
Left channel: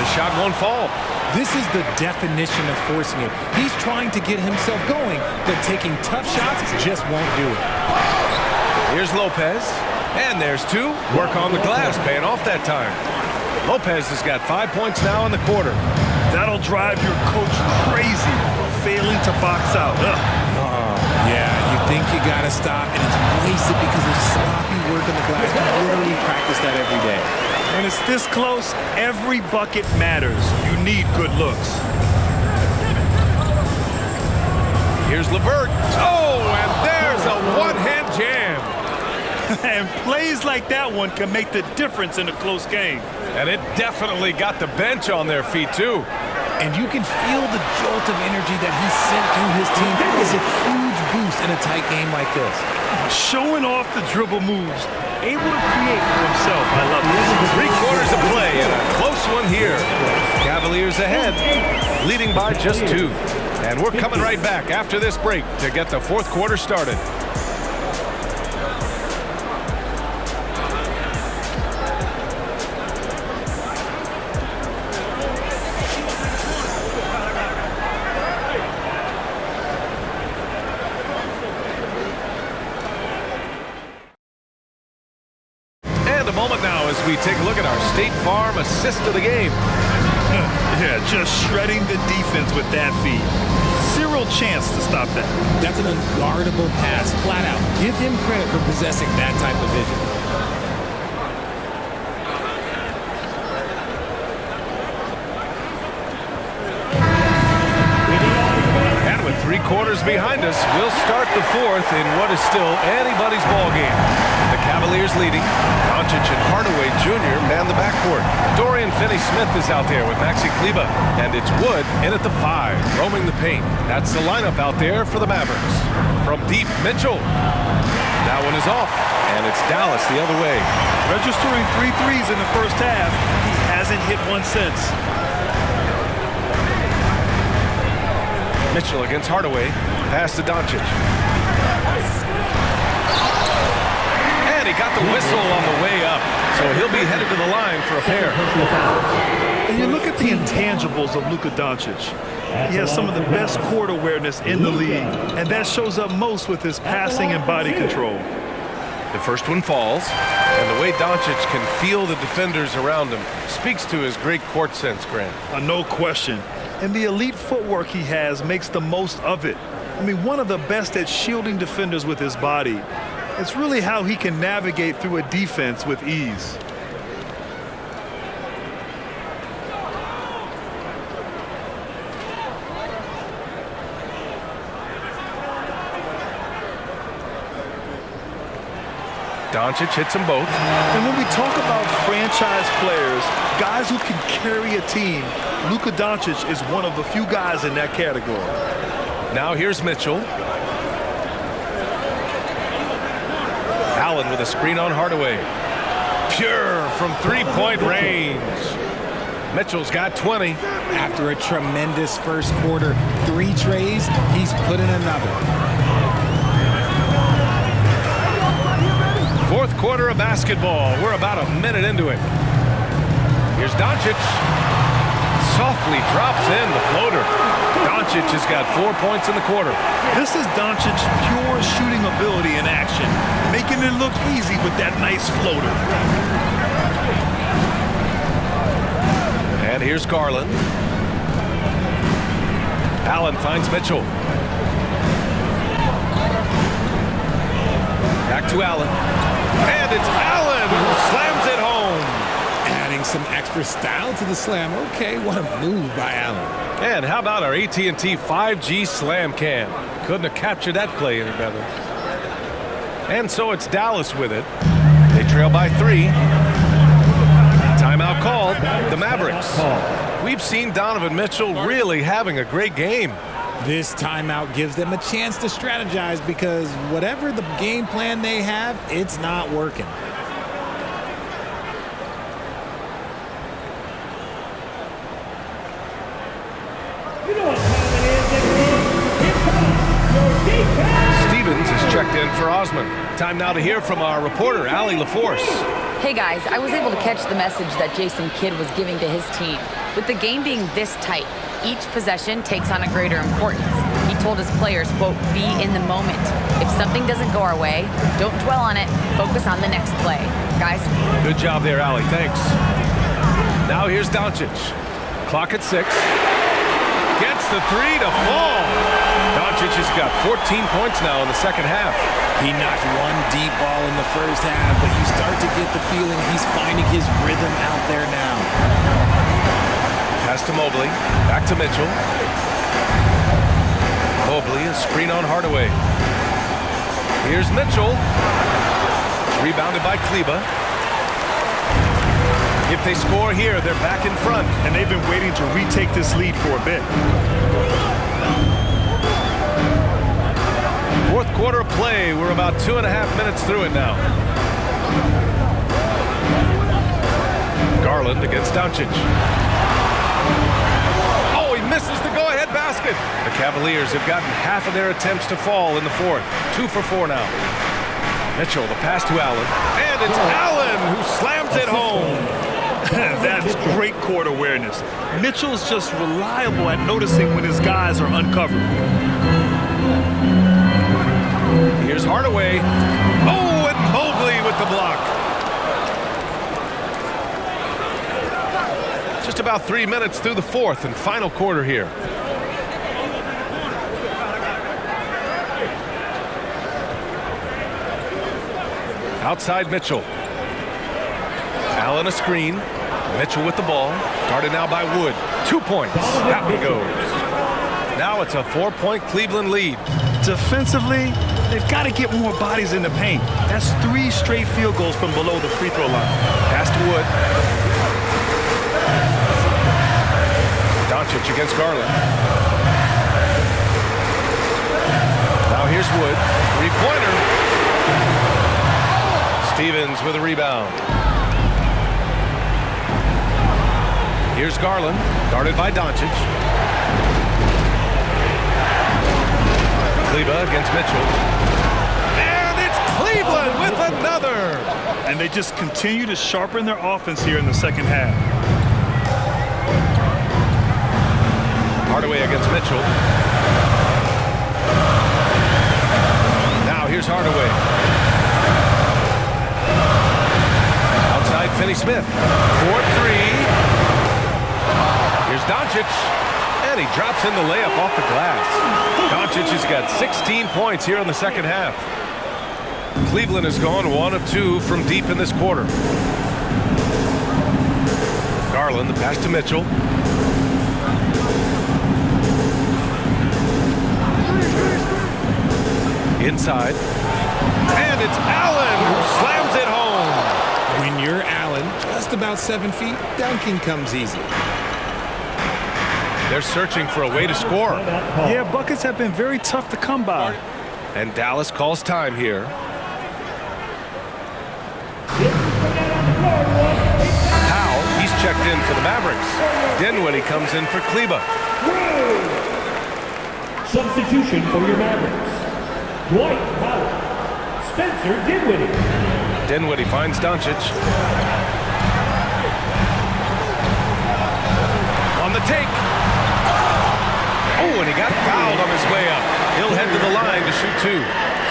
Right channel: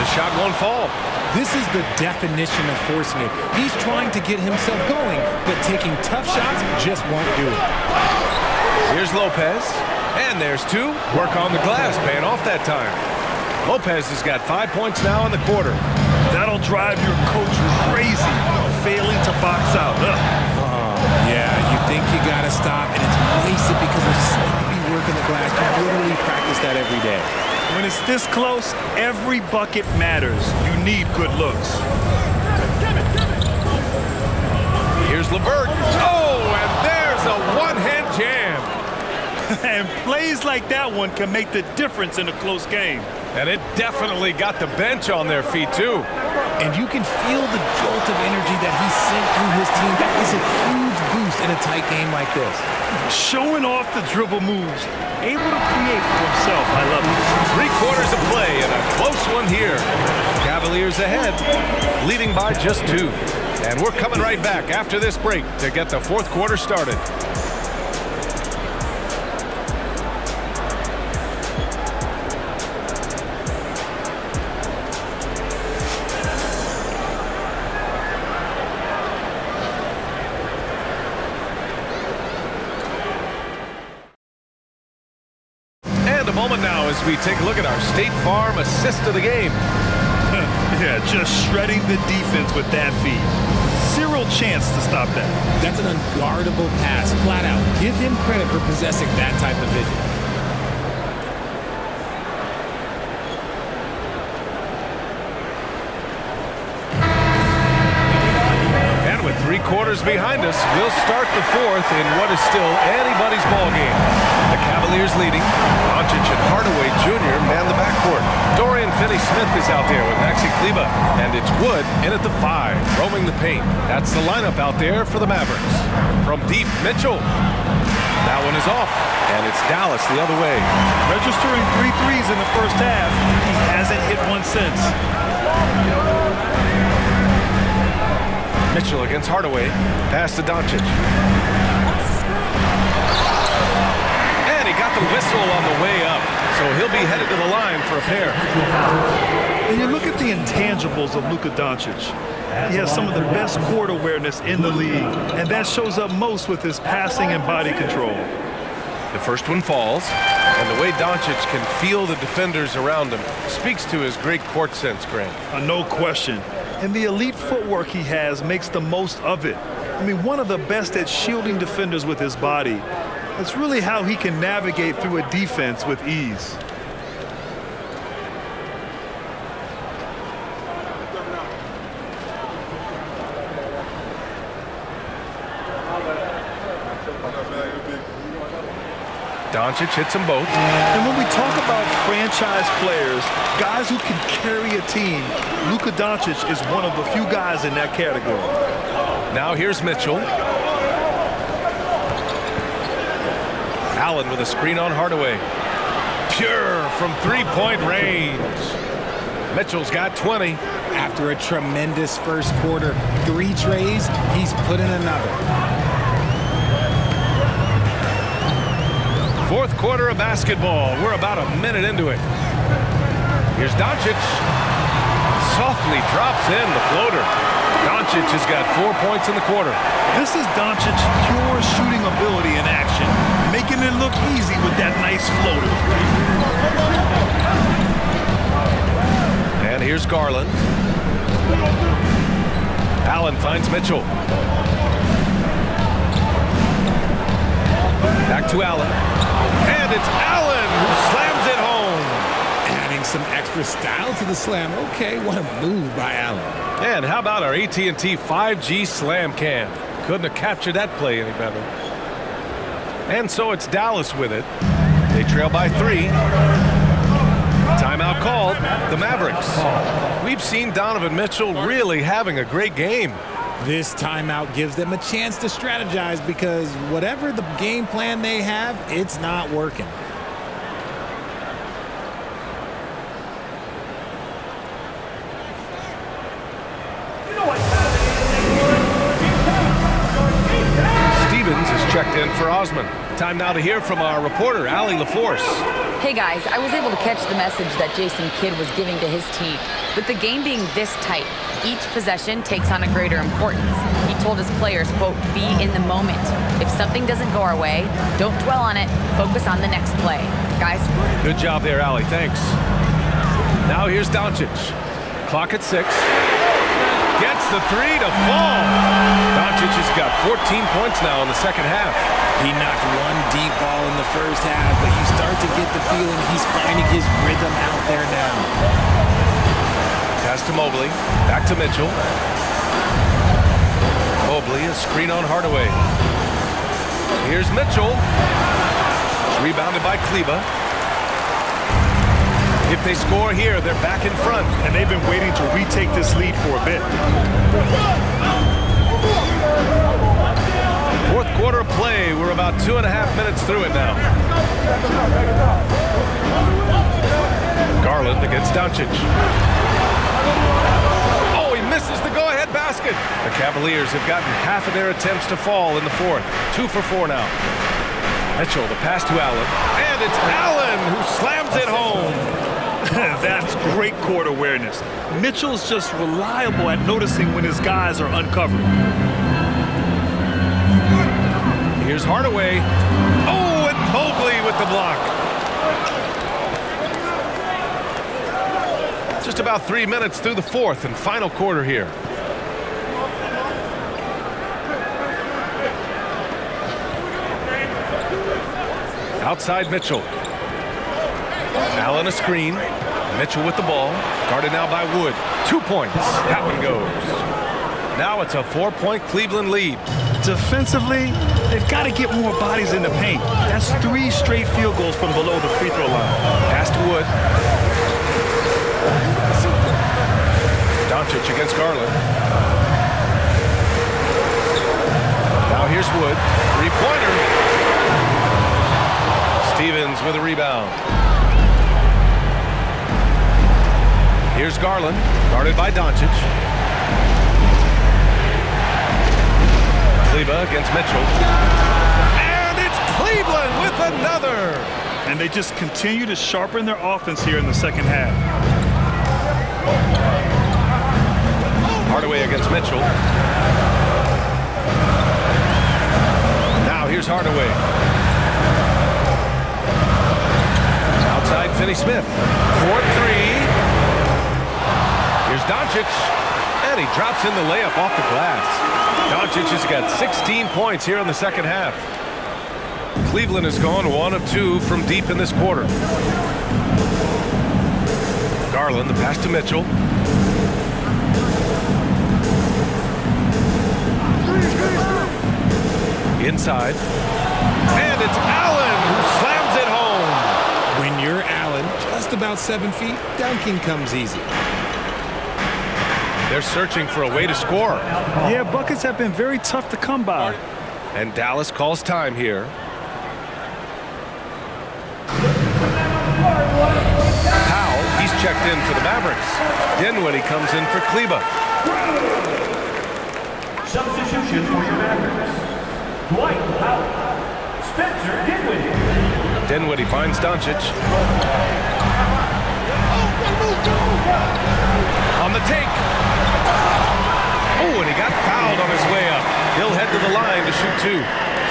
The shot won't fall. This is the definition of forcing it. He's trying to get himself going, but taking tough shots just won't do it. Here's Lopez. And there's 2. Work on the glass, paying off that time. Lopez has got 5 points now in the quarter. That'll drive your coach crazy, failing to box out. Yeah, you think you got to stop, and it's wasted because of sloppy work on the glass. You literally practice that every day. When it's this close, every bucket matters. You need good looks. Here's Levert. Oh, and there's a one-hand jam. And plays like that one can make the difference in a close game. And it definitely got the bench on their feet, too. And you can feel the jolt of energy that he sent through his team. That is a huge boost in a tight game like this. Showing off the dribble moves. Able to create for himself. I love it. 3 quarters of play and a close one here. Cavaliers ahead, leading by just 2. And we're coming right back after this break to get the fourth quarter started. And a moment now as we take a look at our State Farm assist of the game. Yeah, just shredding the defense with that feed. Zero chance to stop that. That's an unguardable pass, flat out. Give him credit for possessing that type of vision. And with 3 quarters behind us, we'll start the fourth in what is still anybody's ball game. The Cavaliers leading. Doncic and Hardaway Jr. man the backcourt. Dorian Finney-Smith is out there with Maxi Kleber. And it's Wood in at the 5, roaming the paint. That's the lineup out there for the Mavericks. From deep, Mitchell. That one is off. And it's Dallas the other way. Registering 3 threes in the first half. He hasn't hit one since. Mitchell against Hardaway. Pass to Doncic. And he got the whistle on the way up. So he'll be headed to the line for a pair. And you look at the intangibles of Luka Doncic. He has some of the best court awareness in the league. And that shows up most with his passing and body control. The first one falls. And the way Doncic can feel the defenders around him speaks to his great court sense, Grant. No question. And the elite footwork he has makes the most of it. I mean, one of the best at shielding defenders with his body. It's really how he can navigate through a defense with ease. Doncic hits them both. And when we talk about franchise players, guys who can carry a team, Luka Doncic is one of the few guys in that category. Now here's Mitchell. Allen with a screen on Hardaway. Pure from three-point range. Mitchell's got 20. After a tremendous first quarter, 3 trays, he's put in another. Fourth quarter of basketball. We're about a minute into it. Here's Doncic. Softly drops in the floater. Doncic has got 4 points in the quarter. This is Doncic's pure shooting ability in action, making it look easy with that nice floater. And here's Garland. Allen finds Mitchell. Back to Allen. And it's Allen who slams it home. Adding some extra style to the slam. Okay, what a move by Allen. And how about our AT&T 5G slam cam? Couldn't have captured that play any better. And so it's Dallas with it. They trail by 3. Timeout called. The Mavericks. We've seen Donovan Mitchell really having a great game. This timeout gives them a chance to strategize because whatever the game plan they have, it's not working. You know what time it is, everyone? Here comes your defense. Stevens is checked in for Osman. Time now to hear from our reporter, Allie LaForce. Hey guys, I was able to catch the message that Jason Kidd was giving to his team. With the game being this tight, each possession takes on a greater importance. He told his players, quote, be in the moment. If something doesn't go our way, don't dwell on it, focus on the next play. Guys? Good job there, Allie. Thanks. Now here's Doncic. Clock at 6. Gets the 3 to fall. Doncic has got 14 points now in the second half. He knocked one deep ball in the first half, but you start to get the feeling he's finding his rhythm out there now. Pass to Mobley. Back to Mitchell. Mobley, a screen on Hardaway. Here's Mitchell. It's rebounded by Kleba. If they score here, they're back in front. And they've been waiting to retake this lead for a bit. Fourth quarter of play. We're about 2.5 minutes through it now. Garland against Doncic. Oh, he misses the go-ahead basket. The Cavaliers have gotten half of their attempts to fall in the fourth. 2 for 4 now. Mitchell, the pass to Allen. And it's Allen who slams it home. That's great court awareness. Mitchell's just reliable at noticing when his guys are uncovered. Here's Hardaway. Oh, and Mobley with the block. Just about 3 minutes through the fourth and final quarter here. Outside Mitchell. Allen a screen. Mitchell with the ball. Guarded now by Wood. 2 points. That one goes. Now it's a 4-point Cleveland lead. Defensively, they've got to get more bodies in the paint. That's 3 straight field goals from below the free throw line. Pass to Wood. Doncic against Garland. Now here's Wood. 3-pointer. Stevens with a rebound. Here's Garland, guarded by Doncic. Kleba against Mitchell. And it's Cleveland with another. And they just continue to sharpen their offense here in the second half. Hardaway against Mitchell. Now here's Hardaway. Outside Finney-Smith. 4-3. Here's Doncic. And he drops in the layup off the glass. Doncic has got 16 points here in the second half. Cleveland has gone 1 of 2 from deep in this quarter. Garland, the pass to Mitchell. Inside. And it's Allen who slams it home. When you're Allen, just about 7 feet, dunking comes easy. They're searching for a way to score. Yeah, buckets have been very tough to come by. And Dallas calls time here. Powell, he's checked in for the Mavericks. Dinwiddie comes in for Kleba. Substitution for your Mavericks. Dwight Powell. Spencer Dinwiddie. Dinwiddie finds Doncic. On the take. Oh, and he got fouled on his way up. He'll head to the line to shoot 2.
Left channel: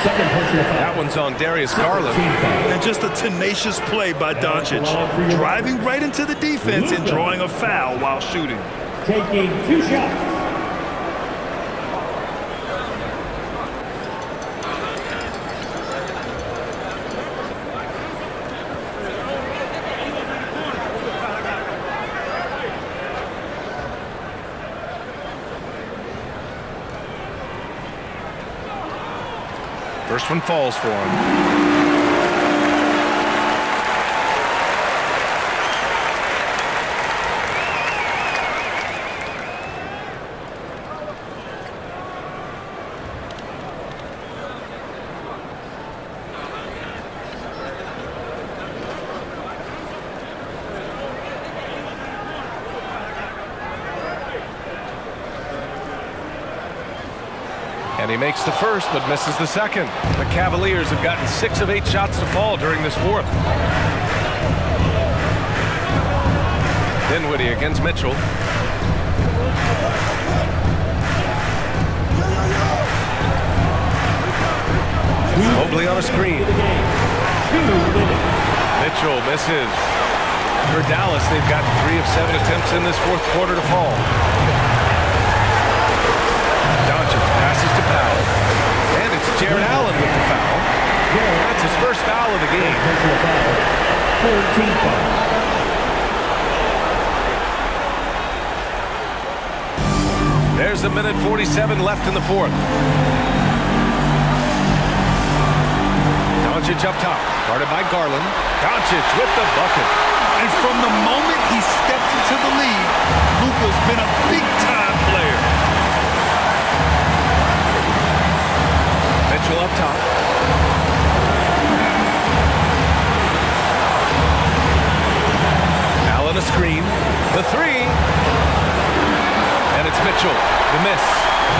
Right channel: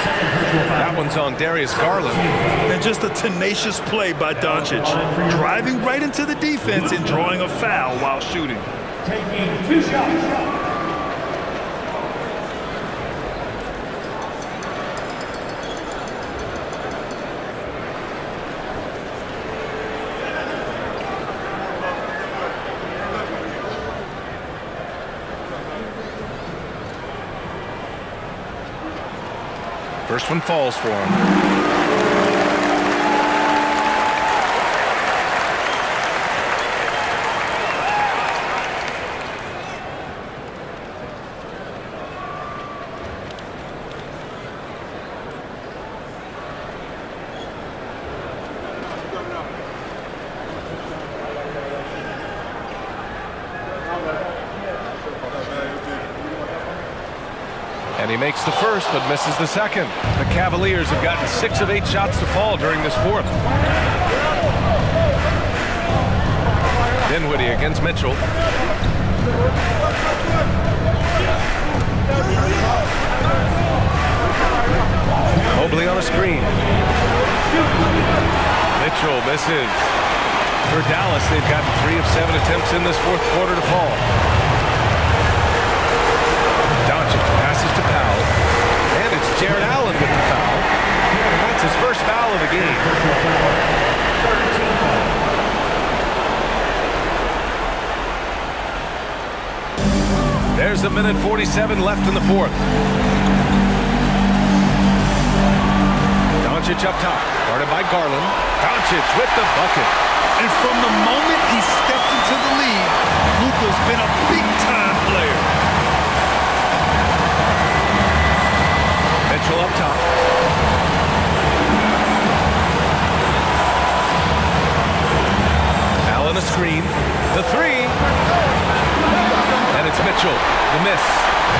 Second personal foul. That one's on Darius Garland. And just a tenacious play by Doncic, driving right into the defense and drawing a foul while shooting. Taking 2 shots. First one falls for him. And he makes the first, but misses the second. The Cavaliers have gotten 6 of 8 shots to fall during this fourth. Dinwiddie against Mitchell. Mobley on a screen. Mitchell misses. For Dallas, they've gotten 3 of 7 attempts in this fourth quarter to fall. Doncic passes to Powell, and it's Jared Allen with the foul. That's his first foul of the game. There's a minute 47 left in the fourth. Doncic up top, guarded by Garland. Doncic with the bucket. And from the moment he stepped into the league, Luka's been a big-time player. Mitchell up top. Allen a screen. The 3. And it's Mitchell. The miss.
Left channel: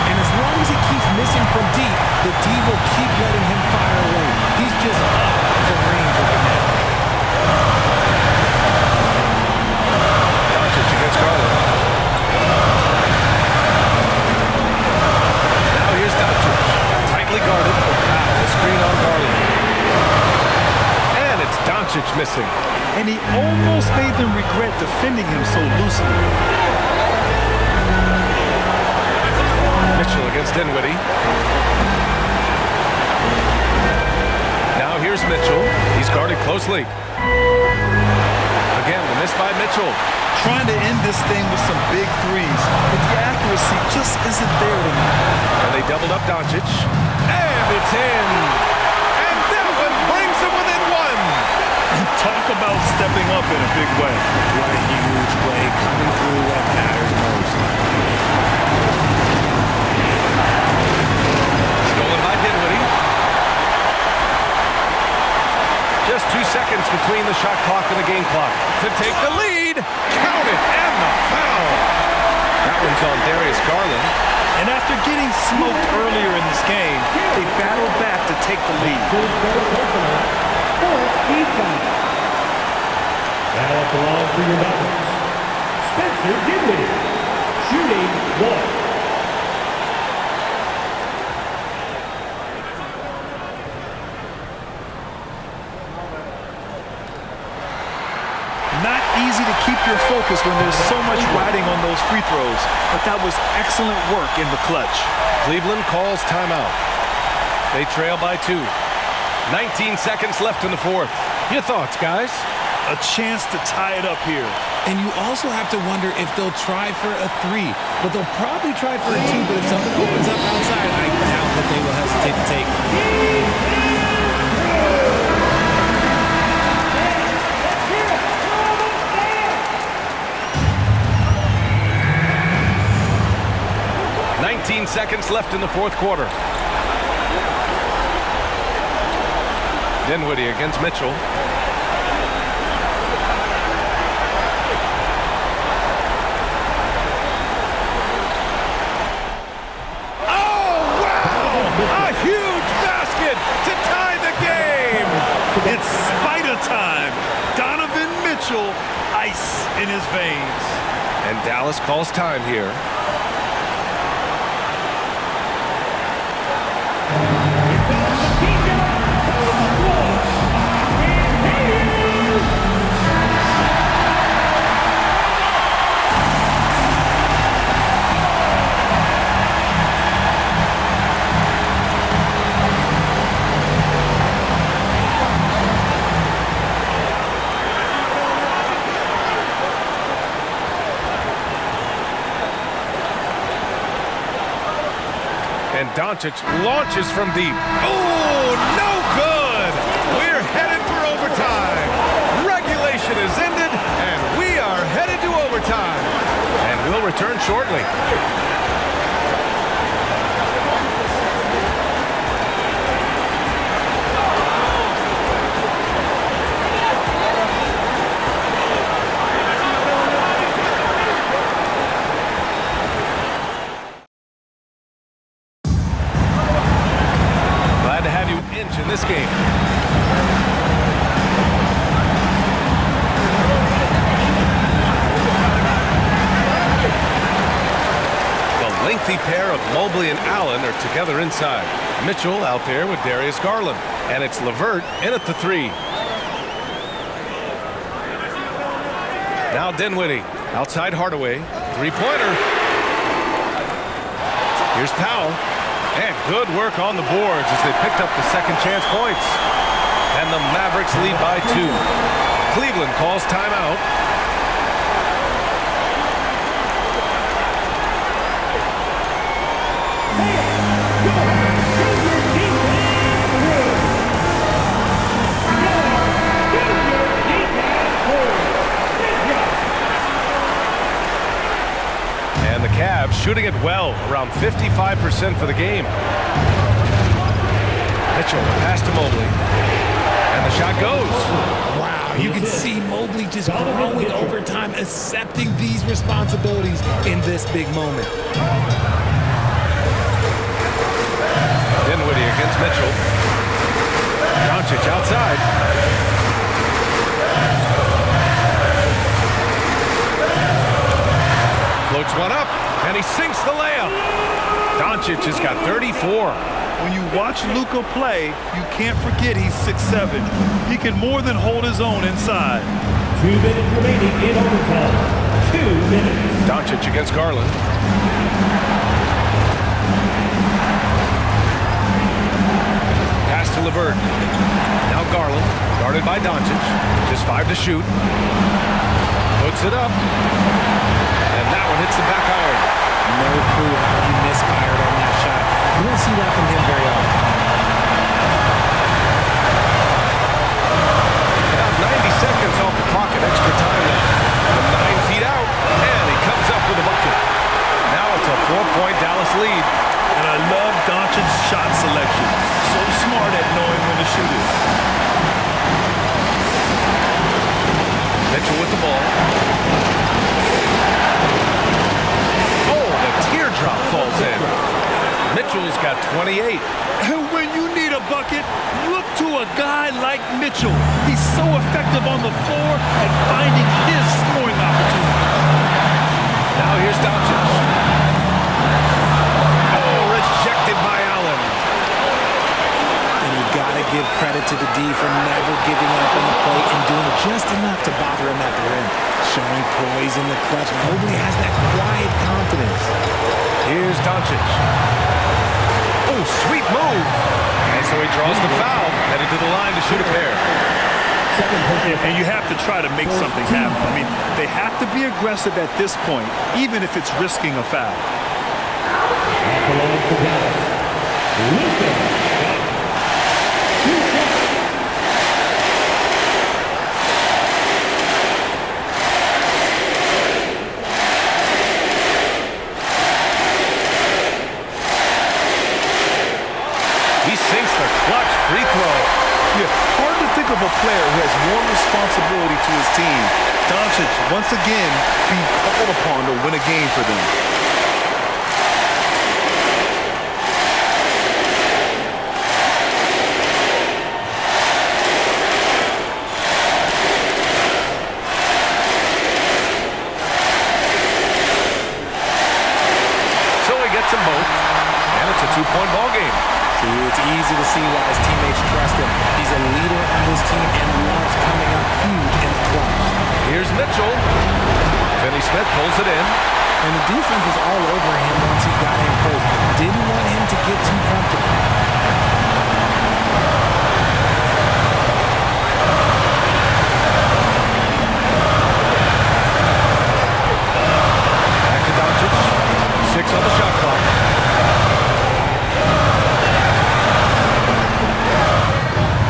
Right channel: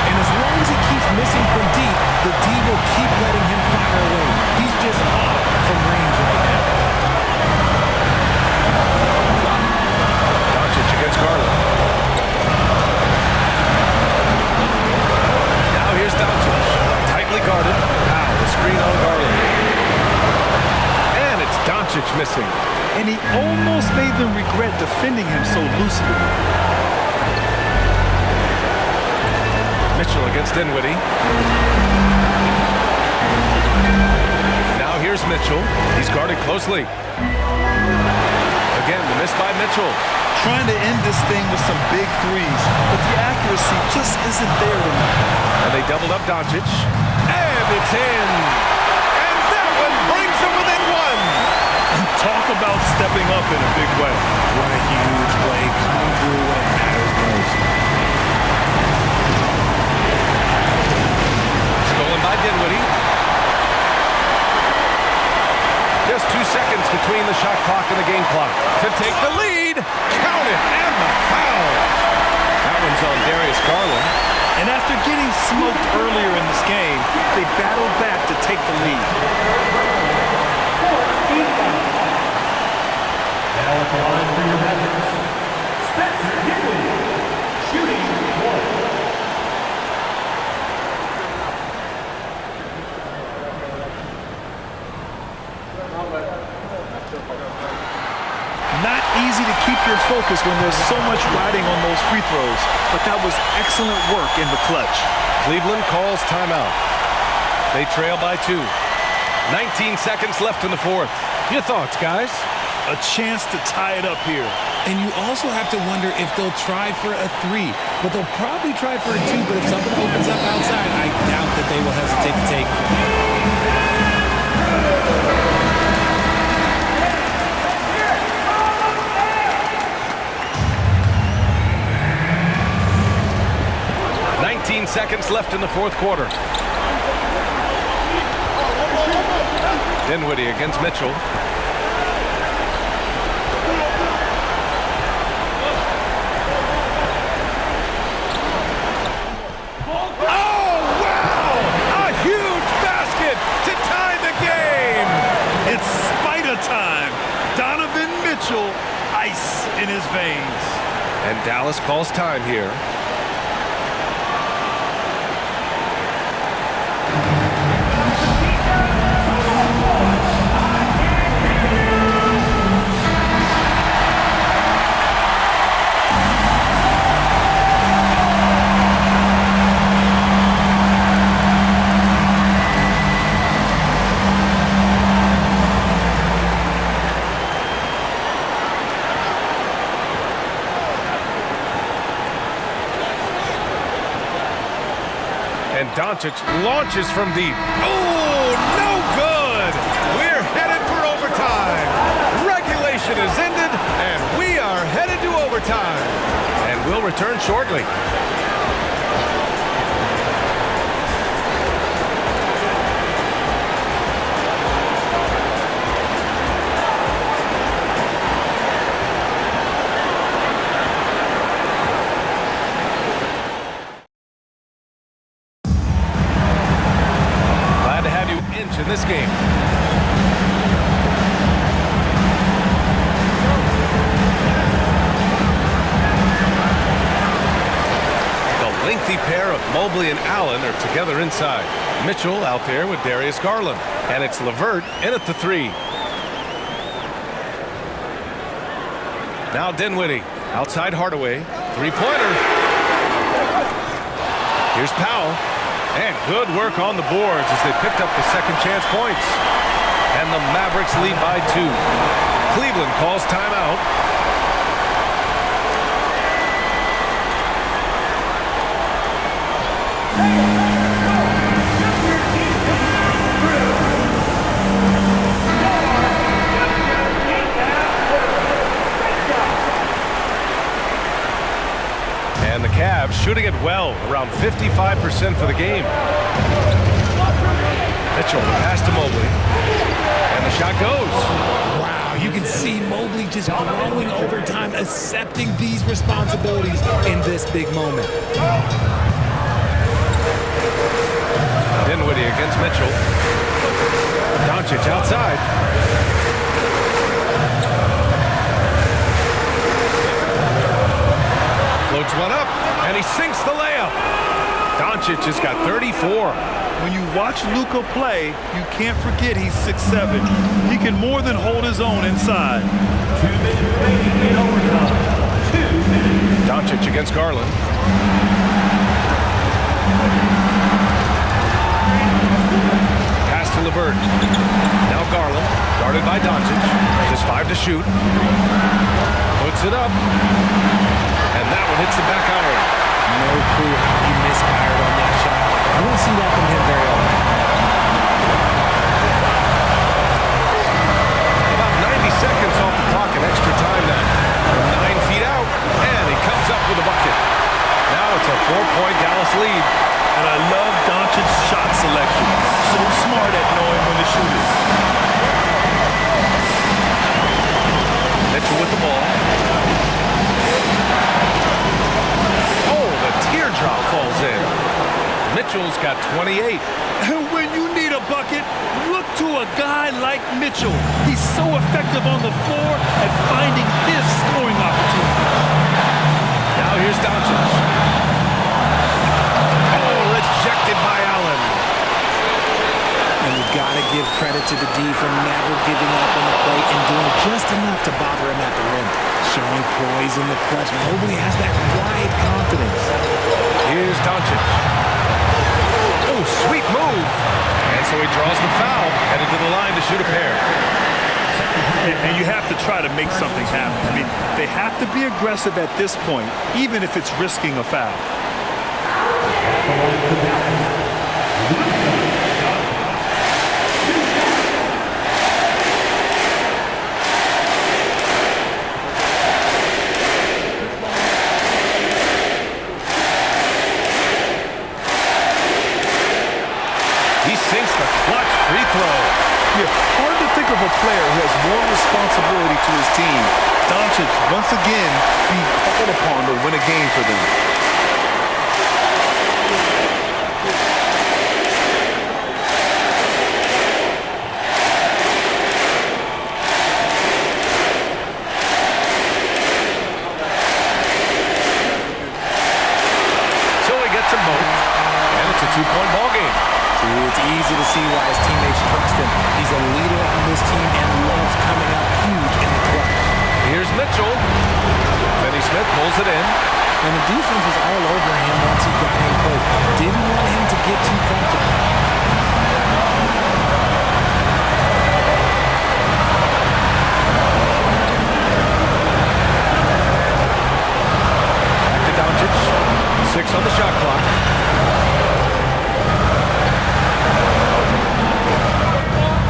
And as long as he keeps missing from deep, the D will keep letting him fire away. He's just off from range right now. Doncic against Garland. Now here's Doncic. Tightly guarded. Powell, a screen on Garland. And it's Doncic missing. And he almost made them regret defending him so loosely. Mitchell against Dinwiddie. Now here's Mitchell. He's guarded closely. Again, the miss by Mitchell. Trying to end this thing with some big threes, but the accuracy just isn't there tonight. And they doubled up Doncic. And it's in. And that one brings them within 1. And talk about stepping up in a big way. What a huge play, coming through when it matters most. Stolen by Dinwiddie. Just 2 seconds between the shot clock and the game clock to take the lead. Count it, and the foul. That one's on Darius Garland. And after getting smoked earlier in this game, they battled back to take the lead. Now at the line for your Mavericks, Spencer Dinwiddie, shooting 1. Not easy to keep your focus when there's so much riding on those free throws, but that was excellent work in the clutch. Cleveland calls timeout. They trail by 2. 19 seconds left in the fourth. Your thoughts, guys? A chance to tie it up here. And you also have to wonder if they'll try for a 3, but they'll probably try for a 2, but if something opens up outside, I doubt that they will hesitate to take it. 19 seconds left in the fourth quarter. Dinwiddie against Mitchell. Huge basket to tie the game. It's spider time. Donovan Mitchell, ice in his veins. And Dallas calls time here. And Doncic launches from deep. Oh, no good! We're headed for overtime. Regulation is ended, and we are headed to overtime. And we'll return shortly. Glad to have you inch in this game. The lengthy pair of Mobley and Allen are together inside. Mitchell out there with Darius Garland. And it's LeVert in at the three. Now Dinwiddie. Outside Hardaway. Three-pointer. Here's Powell. And good work on the boards as they picked up the second chance points. And the Mavericks lead by 2. Cleveland calls timeout. And the Cavs shooting it well, around 55% for the game. Mitchell, the pass to Mobley. And the shot goes. Wow, you can see Mobley just growing over time, accepting these responsibilities in this big moment. Dinwiddie against Mitchell. Doncic outside. Floats one up, and he sinks the layup. Doncic has got 34. When you watch Luka play, you can't forget he's 6'7". He can more than hold his own inside. 2 minutes remaining in overtime. 2 minutes. Doncic against Garland. Pass to LeVert. Now Garland, guarded by Doncic. Just 5 to shoot. Puts it up. And that one hits the back iron. No clue how he misfired on that shot. You don't see that from him very often. About 90 seconds off the clock and extra time now. From 9 feet out, and he comes up with a bucket. Now it's a 4-point Dallas lead. And I love Doncic's shot selection. So smart at knowing when to shoot it. Mitchell with the ball. The teardrop falls in. Mitchell's got 28. And when you need a bucket, look to a guy like Mitchell. He's so effective on the floor at finding his scoring opportunities. Now here's Doncic. Oh, rejected by Allen. And you got to give credit to the D for never giving up on the plate and doing just enough to bother him at the rim. Showing poise in the clutch. Mobley has that quiet confidence. Here's Doncic. Oh, sweet move. And so he draws the foul, headed to the line to shoot a pair. And you have to try to make something happen. I mean, they have to be aggressive at this point, even if it's risking a foul. He sinks the clutch free throw. Yeah, hard to think of a player who has more responsibility to his team. Doncic, once again, being called upon to win a game for them. So he gets them both, and it's a two-point ball game. See, it's easy to see why his teammates trust him. He's a leader on this team and loves coming up huge in the clutch. Here's Mitchell. Finney-Smith pulls it in. And the defense was all over him once he got in close. Didn't want him to get too comfortable. Back to Doncic. 6 on the shot clock.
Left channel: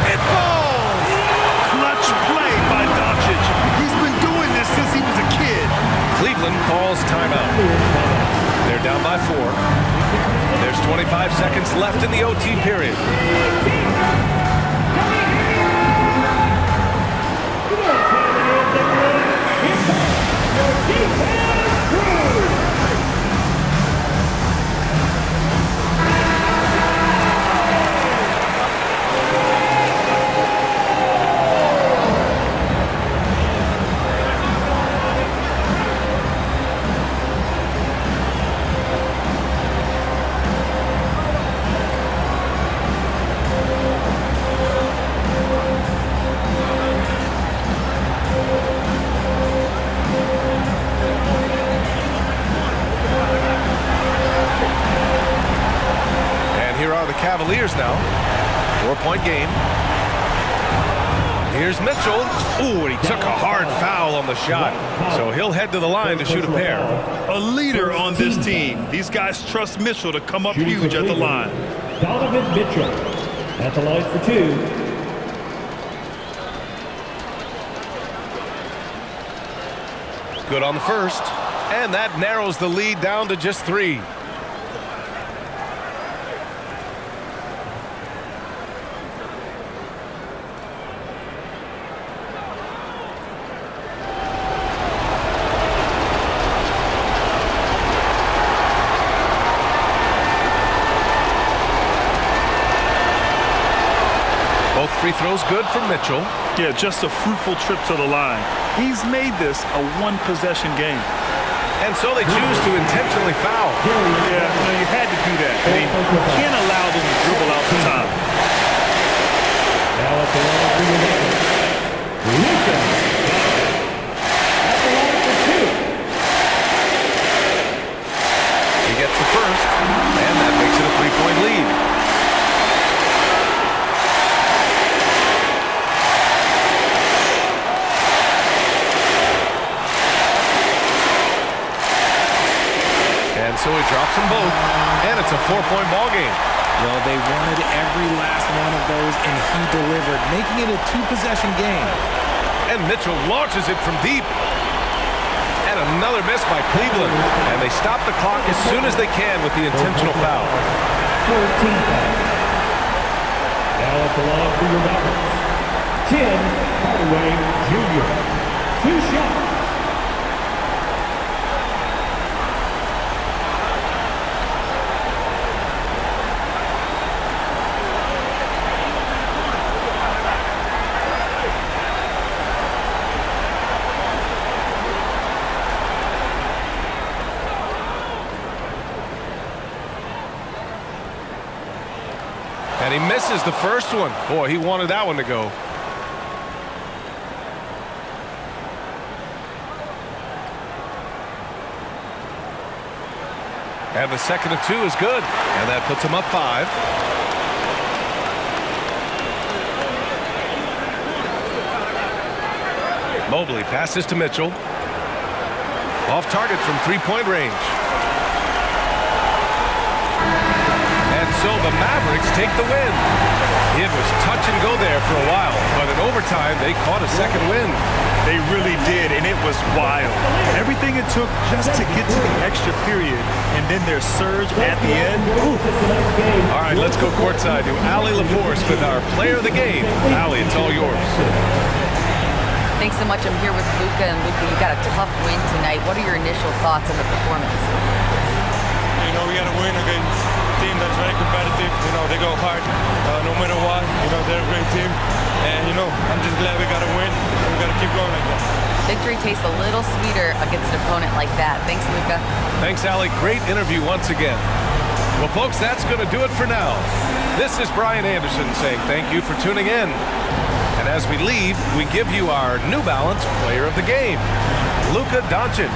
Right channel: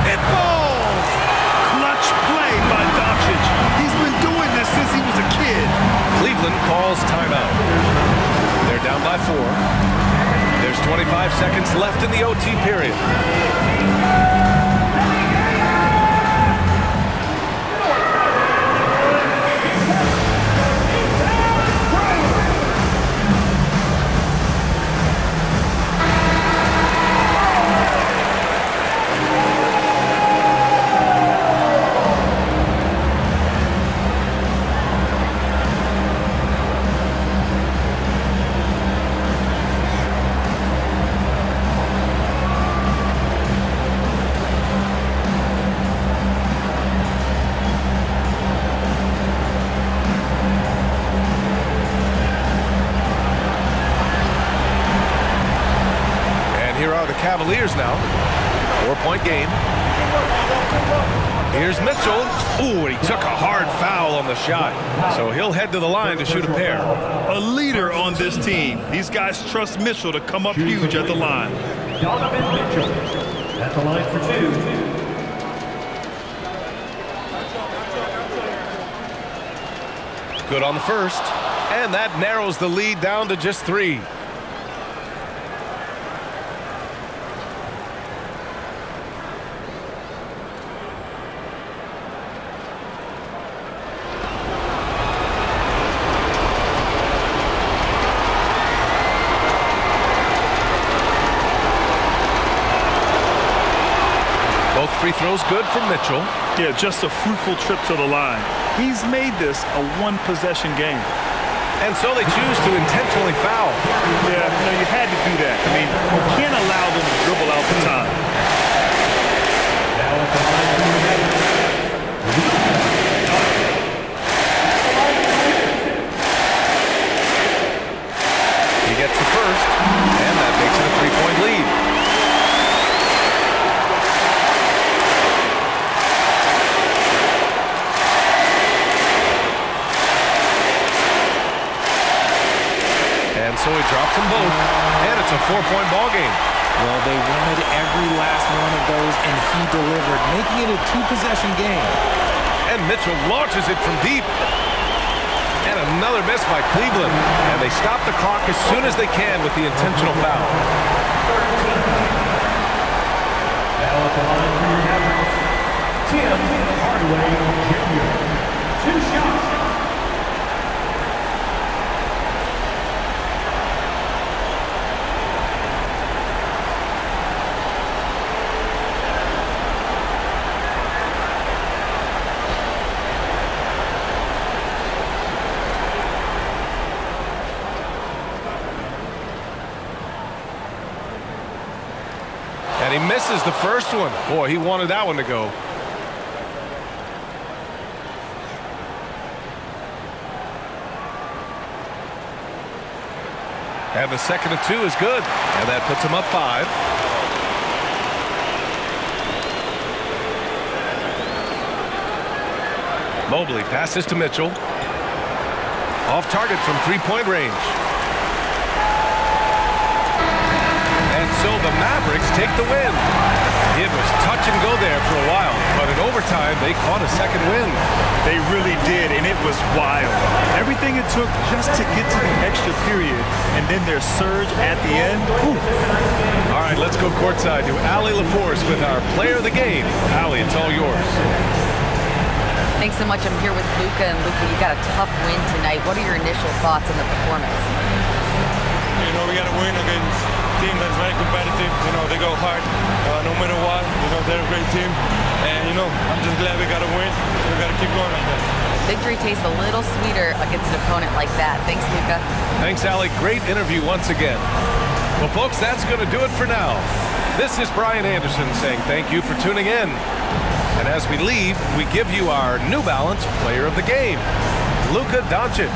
It falls! Clutch play by Doncic. He's been doing this since he was a kid. Cleveland calls timeout. They're down by 4. There's 25 seconds left in the OT period. Here are the Cavaliers now. 4-point game. Here's Mitchell. Ooh, and he took a hard foul on the shot. So he'll head to the line to shoot a pair. A leader on this team. These guys trust Mitchell to come up huge at the line. Donovan Mitchell at the line for 2. Good on the first. And that narrows the lead down to just 3. Both free throws good for Mitchell. Yeah, just a fruitful trip to the line. He's made this a one-possession game. And so they choose to intentionally foul. Yeah, you had to do that. I mean, you can't allow them to dribble out the time. Now at the line for your Luka. He gets the first, and that makes it a 3-point lead. And so he drops them both, and it's a 4-point ball game. Well, they wanted every last one of those, and he delivered, making it a 2-possession game. And Mitchell launches it from deep. And another miss by Cleveland. And they stop the clock as soon as they can with the intentional foul. 13 foul. Now at the line for your Mavericks, Tim Hardaway Jr. 2 shots. And he misses the first one. Boy, he wanted that one to go. And the second of 2 is good. And that puts him up 5. Mobley passes to Mitchell. Off target from 3-point range. And so the Mavericks take the win. It was touch and go there for a while, but in overtime, they caught a second win. They really did, and it was wild. Everything it took just to get to the extra period, and then their surge at the end. Ooh. All right, let's go courtside to Allie LaForce with our player of the game. Allie, it's all yours. Thanks so much. I'm here with Luka, and Luka, you got a tough win tonight. What are your initial thoughts on the performance? You know, we got to win against a team that's very competitive. You know, they go hard no matter what. You know, they're a great team. And, you know, I'm just glad we got to win. We got to keep going like that. Victory tastes a little sweeter against an opponent like that. Thanks, Luka. Thanks, Allie. Great interview once again. Well, folks, that's going to do it for now. This is Brian Anderson saying thank you for tuning in. And as we leave, we give you our New Balance Player of the Game, Luka Doncic.